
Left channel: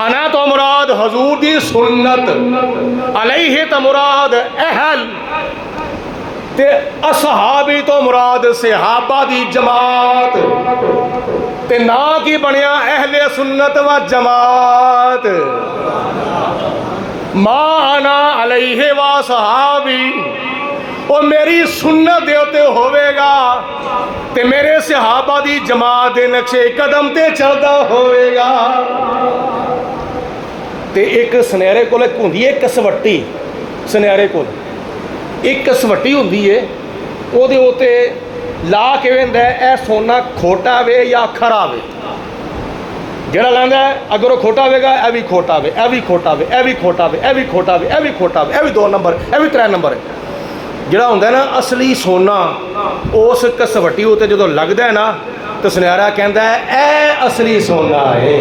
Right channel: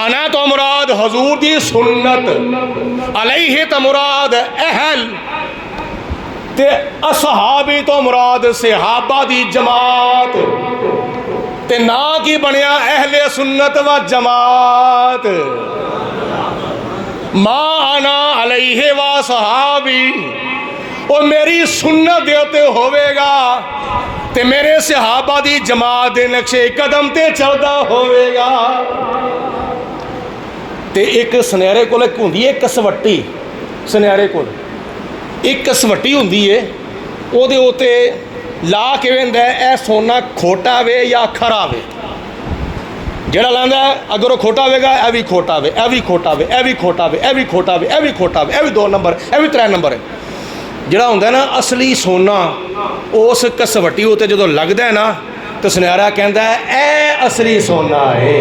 انا تو مراد حضور دی سنت، علیہ تو مراد اہل، تے اصحابی تو مراد صحابہ دی جماعت، تے نا کی بنیا اہل سنت و جماعت۔ ما انا علیہ و صحابی، وہ میری سنت دے تے ہوئے گا تے میرے صحابہ دی جماعت دے نقشے قدم تے چلدا ہوئے گا۔ تے ایک سنیرے کول ایک ہوندی ہے کسوٹی، سنیرے کول ایک کسوٹی ہوندی ہے، او دے اوتے لا کے ویندا ہے اے سونا کھوٹا وے یا کھرا وے، جڑا لاندا ہے اگر وہ کھوٹا ہوئے گا اے بھی کھوٹا وے، اے بھی کھوٹا وے، اے بھی کھوٹا وے، اے بھی کھوٹا وے، اے بھی کھوٹا وے، اے بھی 2 نمبر، اے بھی 3 نمبر ہے۔ جڑا ہوندا ہے نا اصلی سونا، اس کسوٹی ہوتے جدو لگدا ہے نا تو سنیارا کہندا ہے اے اصلی سونا ہے۔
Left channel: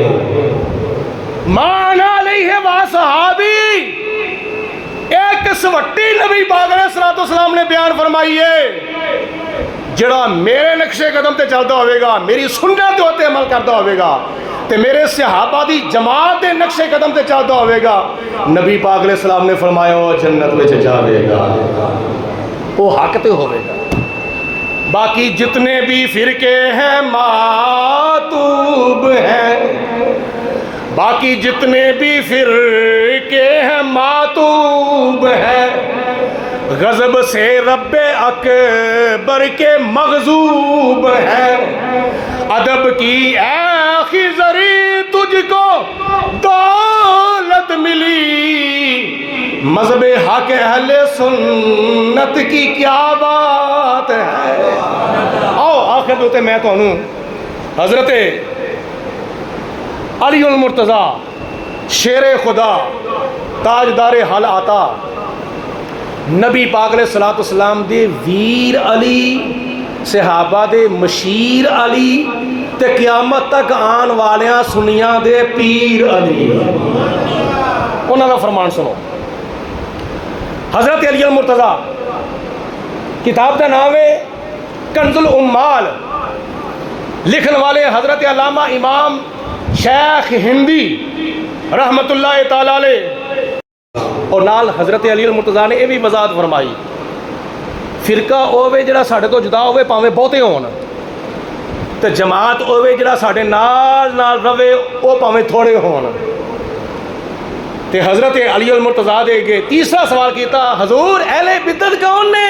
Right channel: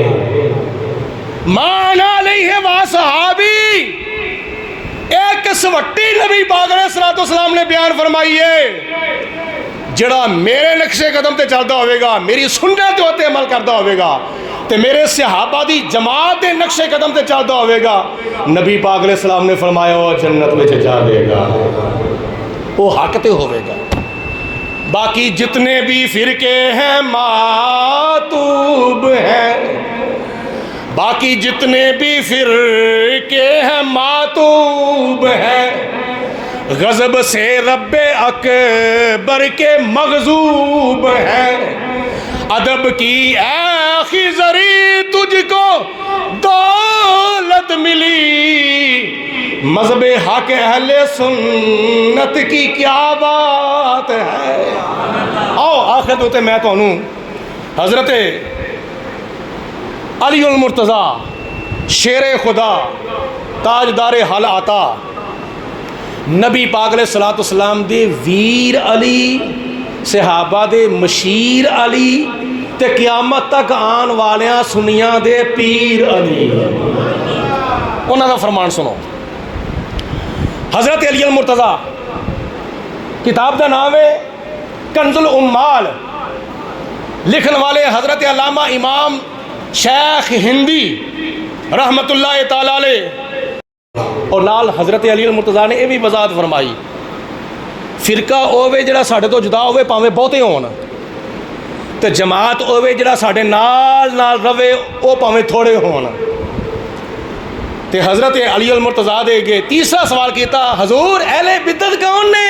مانا علیہ و صحابی، ایک کسوٹی نبی پاک علیہ السلام نے بیان فرمائی ہے، جڑا میرے نقش قدم تے چلتا ہوئے گا، میری سنت ہوتے عمل کرتا ہوئے گا تے میرے صحابہ دی جماعت دے نقش قدم تے چلتا ہوئے گا، نبی پاک علیہ السلام نے فرمایا وہ جنت میں جاوے گا، وہ حق تے ہوئے گا۔ باقی جتنے بھی فرقے ہیں ماتوب ہیں، باقی جتنے بھی فرقے ہیں ماتوب ہیں، غضب سے رب اکبر کے مغضوب ہیں، ادب کی اے خضری تجھ کو دولت ملی، مذہب حق اہل سنت کی کیا بات ہے۔ آؤ آخر دوتے میں تو انہوں حضرت علی المرتضیٰ شیر خدا تاجدار حل آتا نبی پاک علیہ الصلوۃ والسلام دے ویر علی صحابہ دے مشیر علی تے قیامت تک آن والیاں سنیاں دے پیر علی انہاں دا فرمان سنو. حضرت علی المرتضیٰ کتاب دا نام ہے کنز الامال. لکھن والے حضرت علامہ امام شیخ ہندی رحمت اللہ تعالی علیہ اور نال حضرت علی المرتضیٰ نے یہ بھی وضاحت فرمائی فرقہ ہوے جڑا ساڈے تو جدا ہوے پاویں بہتے ہون تے جماعت ہوے جڑا ساڈے نال نال رہے او پاویں تھوڑے ہون. تے حضرت علی المرتضیٰ دے کے تیسرا سوال کیتا حضور اہل بدعت کون نے؟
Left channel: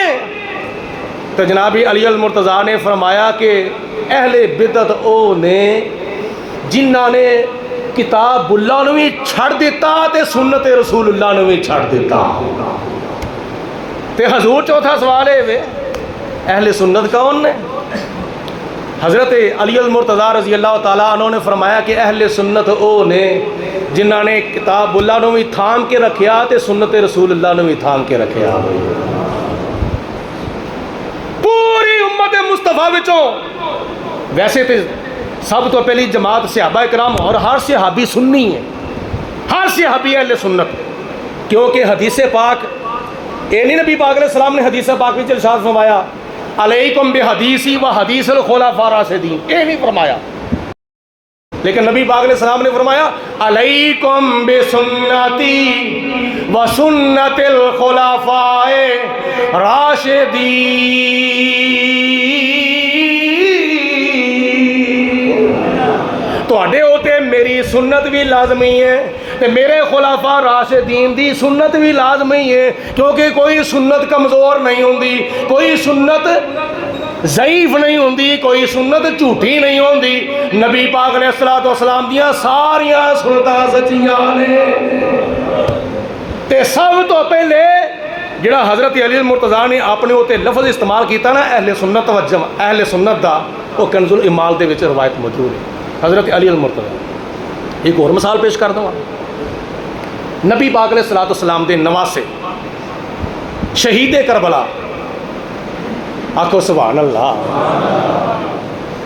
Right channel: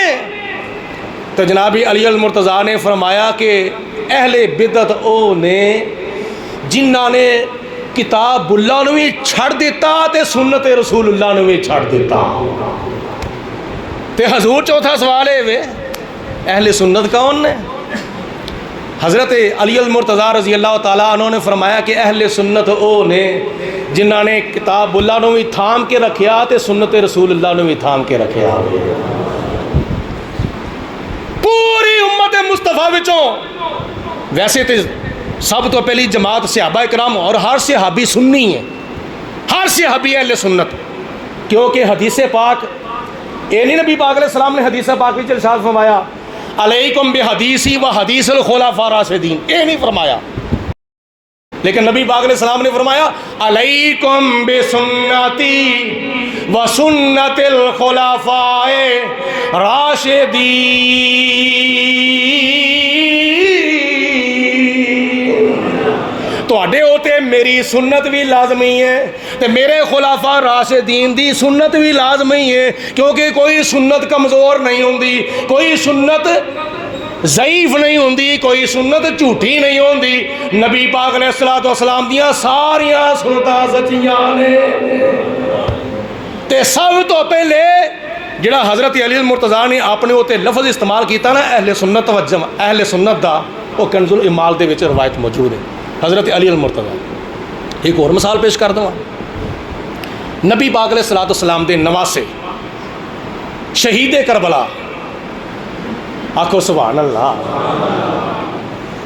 تو جناب علی المرتضیٰ نے فرمایا کہ اہل بدعت او نے جنہاں نے کتاب اللہ نو بھی چھڑ دیتا تے سنت رسول اللہ نو بھی چھڑ دیتا. تے حضور چوتھا سوال ہے وے اہل سنت کون نے؟ حضرت علی المرتضیٰ رضی اللہ تعالیٰ عنہ نے فرمایا کہ اہل سنت او نے جنہاں نے کتاب اللہ نو بھی تھام کے رکھیا تے سنت رسول اللہ نو بھی تھام کے رکھیا. پوری امت مصطفیٰ وچوں ویسے تے سب تو پہلی جماعت صحابہ کرام اور ہر صحابی سنی ہے ہر صحابی اہل سنت کیونکہ حدیث پاک اے نہیں نبی پاک علیہ السلام نے حدیث پاک میں ارشاد فرمایا علیکم بحدیثی و حدیث الخلفاء الراشدین اے نہیں فرمایا لیکن نبی پاک علیہ السلام نے فرمایا علیکم بسنتی و سنت الخلفاء راشدین. تواڈے ہوتے میری سنت بھی لازمی ہے تے میرے خلفاء راشدین دی سنت بھی لازمی ہے کیونکہ کوئی سنت کمزور نہیں ہوندی کوئی سنت ضعیف نہیں ہوندی کوئی سنت جھوٹی نہیں ہوندی. نبی پاک علیہ الصلوۃ والسلام دیاں ساریاں سنتاں سچیاں نے. تے سب تو پہلے جڑا حضرت علی المرتضیٰ نے اپنے ہوتے لفظ استعمال کیتا نا اہل سنت و اہل سنت دا وہ کنز الامال دے وچ روایت موجود ہے. حضرت علی المرتضیٰ ایک اور مثال پیش کر دوں. نبی پاک علیہ الصلوۃ والسلام دے نواسے شہید کربلا آکھو سبحان اللہ.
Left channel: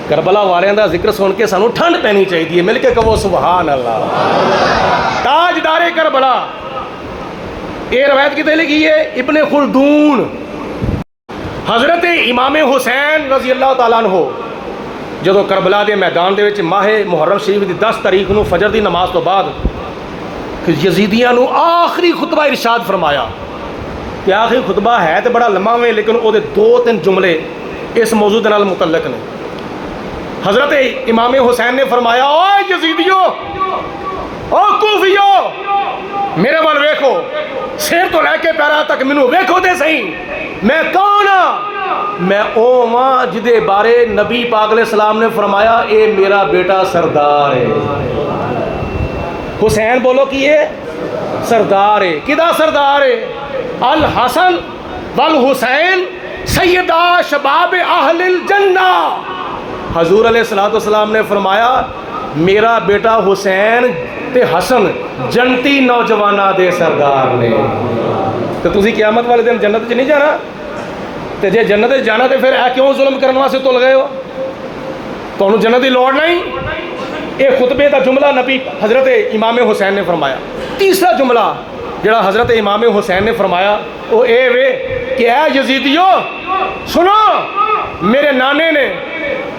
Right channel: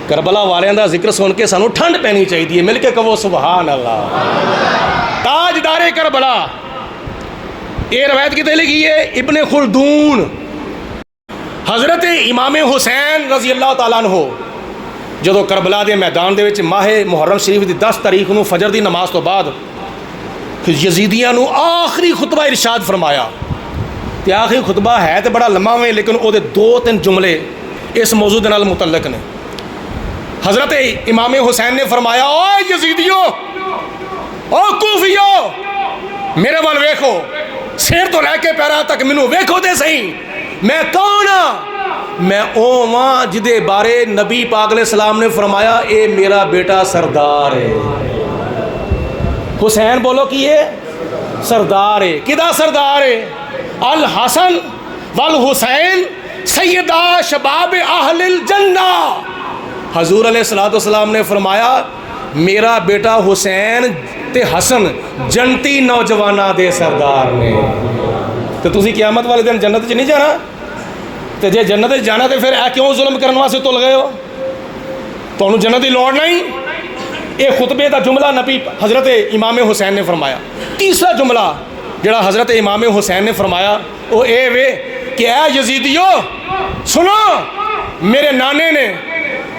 کربلا والیاں دا ذکر سن کے سانو ٹھنڈ پینی چاہیے مل کے کہو سبحان اللہ. تاجدار کربلا یہ روایت کتنے لکھی ہے ابن خلدون. حضرت امام حسین رضی اللہ تعالیٰ عنہ جدو کربلا دے میدان دے وچ ماہ محرم شریف دی 10 تاریخ نو فجر دی نماز تو بعد پھر یزیدیاں نو آخری خطبہ ارشاد فرمایا. تے آخری خطبہ ہے تے بڑا لمبا ہوئے لیکن او دے 2-3 جملے اس موضوع دے نال متعلق نے. حضرت امام حسین نے فرمایا او یزیدیو او کوفیو میرے وال ویکھو سر تو لے کے پیرا تک مینوں ویکھو تے صحیح میں کون ہاں؟ میں او ماں جدے بارے نبی پاک علیہ السلام نے فرمایا اے میرا بیٹا سردار ہے. حسین بولو کہ یہ سردار ہے. کدا سردار ہے؟ الحسن والحسین سیدہ شباب اہل الجنہ. حضور علیہ السلام نے فرمایا میرا بیٹا حسین تے حسن جنتی نوجوانہ دے سردار نے. تو تسی قیامت والے دن جنت چ نہیں جانا تے جے جنت جانا تے پھر کیوں ظلم کرنے واسطے تل گئے ہو؟ تانوں جنت دی لوڑ نہیں. ایک خطبے کا جملہ نبی حضرت امام حسین نے فرمایا. تیسرا جملہ جڑا حضرت امام حسین نے فرمایا وہ اے وے کہ اے یزیدیو سنو میرے نانے نے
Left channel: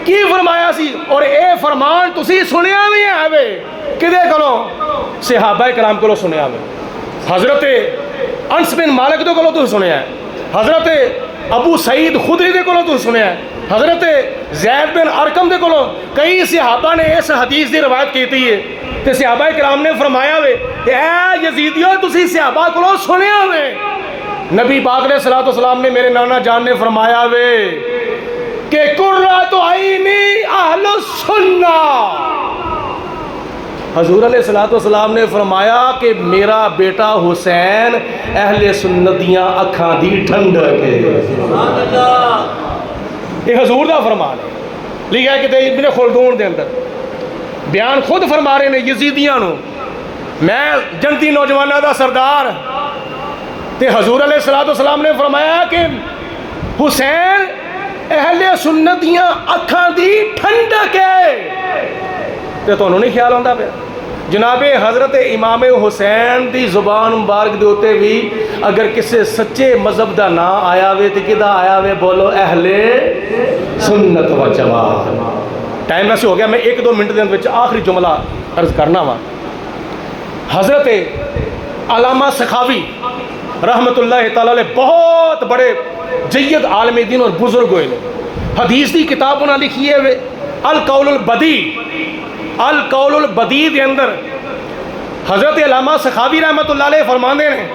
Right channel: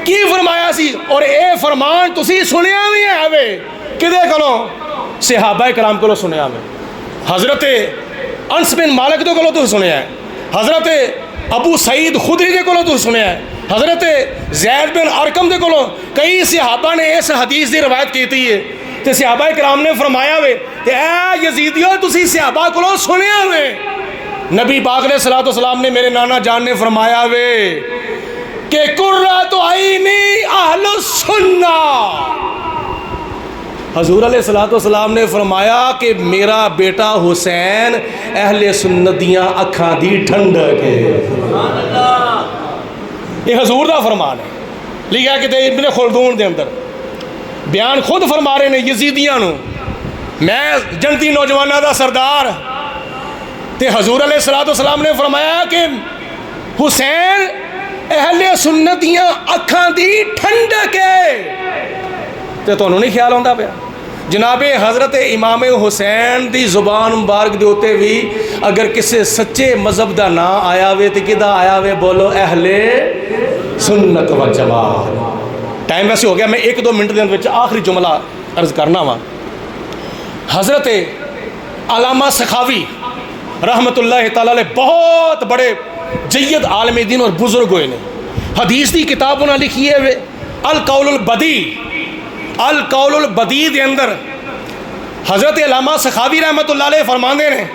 کی فرمایا سی اور اے فرمان تسی سنیا بھی ہے وے کدے کولوں؟ صحابہ کرام کولوں سنیا وے. حضرت انس بن مالک دے کولوں تو سنیا ہے. حضرت ابو سعید خدری دے کولوں تو سنیا ہے. حضرت زید بن ارقم دے کولوں کئی صحابہ نے اس حدیث دی روایت کیتی ہے. تے صحابہ کرام نے فرمایا وے کہ اے یزیدیو تسی صحابہ کولوں سنیا وے. نبی پاک علیہ الصلوۃ والسلام نے میرے نانا جان نے فرمایا وے کہ قرۃ عینی اہل السنہ. حضور علیہ الصلوۃ والسلام نے فرمایا کہ میرا بیٹا حسین اہل سنت دیاں اکھاں دی ٹھنڈک ہے. یہ حضور دا فرمان ہے. لکھا کہ ابن خلدون دے اندر بیان خود فرما رہے ہیں یزیدیاں نو میں جنتی نوجوانوں دا سردار تے حضور علیہ الصلوۃ والسلام نے فرمایا کہ حسین اہل سنت دیاں اکھاں دی ٹھنڈک ہے تے تانوں نہیں خیال آندا پیا جناب حضرت امام حسین دی زبان مبارک دے اوتے بھی اگر کسے سچے مذہب دا نام آیا وے تے کدا آیا وے بولو اہل سنت و جماعت ٹائم ویسے ہو گیا میں 1-2 منٹ دے اندر آخری جملہ عرض کرنا وا حضرت علامہ سخاوی رحمت اللہ تعالی علیہ بہت بڑے جید عالم دین اور بزرگ ہوئے حدیث دی کتاب انہاں لکھی ہے القول البدیع دے اندر حضرت علامہ سخاوی رحمت اللہ علیہ فرماندے ہیں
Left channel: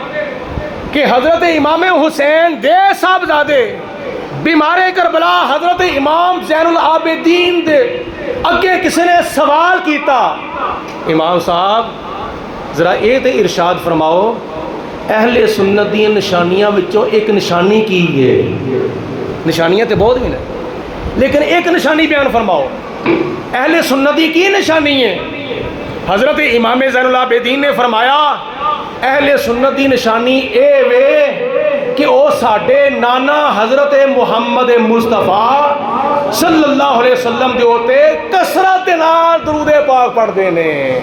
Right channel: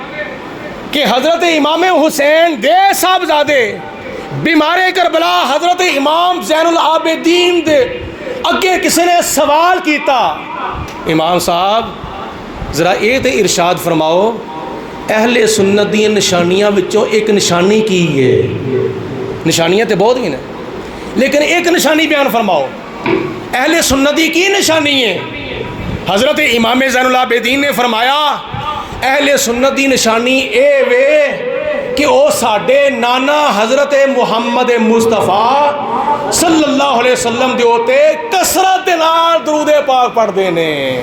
کہ حضرت امام حسین دے صاحبزادے بیمار کربلا حضرت امام زین العابدین دے اگے کسی نے سوال کیتا امام صاحب ذرا یہ تے ارشاد فرماؤ اہل سنت دی نشانیاں وچوں ایک نشانی کی ہے نشانیاں تے بہت ہیں لیکن ایک نشانی بیان فرماؤ اہل سنت دی کی نشانی ہے حضرت امام زین العابدین نے فرمایا اہل سنت دی نشانی اے وے کہ او ساڈے نانا حضرت محمد مصطفیٰ صلی اللہ علیہ وسلم دے ہوتے کثرت نال درود پاک پڑھتے ہیں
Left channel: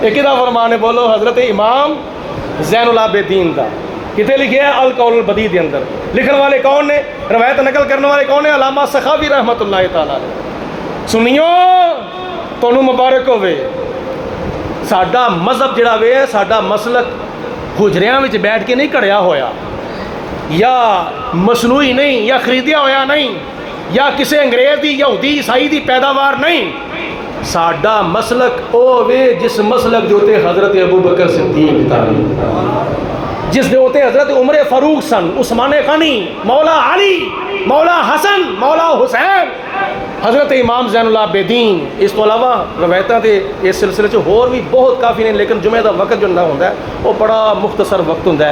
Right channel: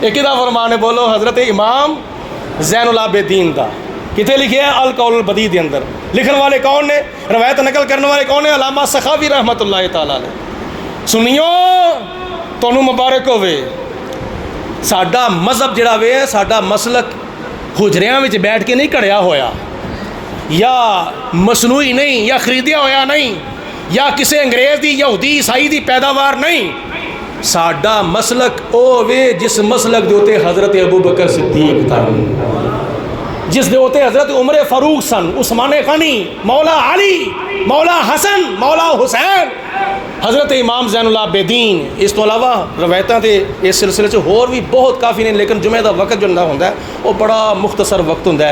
ایک دا فرمانے بولو حضرت امام زین العابدین دا کتے لکھے ہیں القول البدیع دے اندر لکھن والے کون نے روایت نقل کرنے والے کون ہیں علامہ سخاوی رحمت اللہ تعالی علیہ سنیو تانوں مبارک ہوئے ساڈا مذہب جڑا وے ساڈا مسلک حجریاں وچ بیٹھ کے نہیں کڑیا ہویا یا مصنوعی نہیں یا خریدیا ہویا نہیں یا کسی انگریز دی یہودی عیسائی دی پیداوار نہیں ساڈا مسلک او وے جس مسلک دے اوتے حضرت ابوبکر صدیق تھے جس دے اوتے حضرت عمر فاروق سن عثمان غنی مولا علی مولا حسن مولا حسین حضرت امام زین العابدین اس تو علاوہ روایتاں تے اس سلسلے چ ہور بھی بہت کافی نے لیکن جمعہ دا وقت جو ہوندا ہے وہ بڑا مختصر وقت ہوندا ہے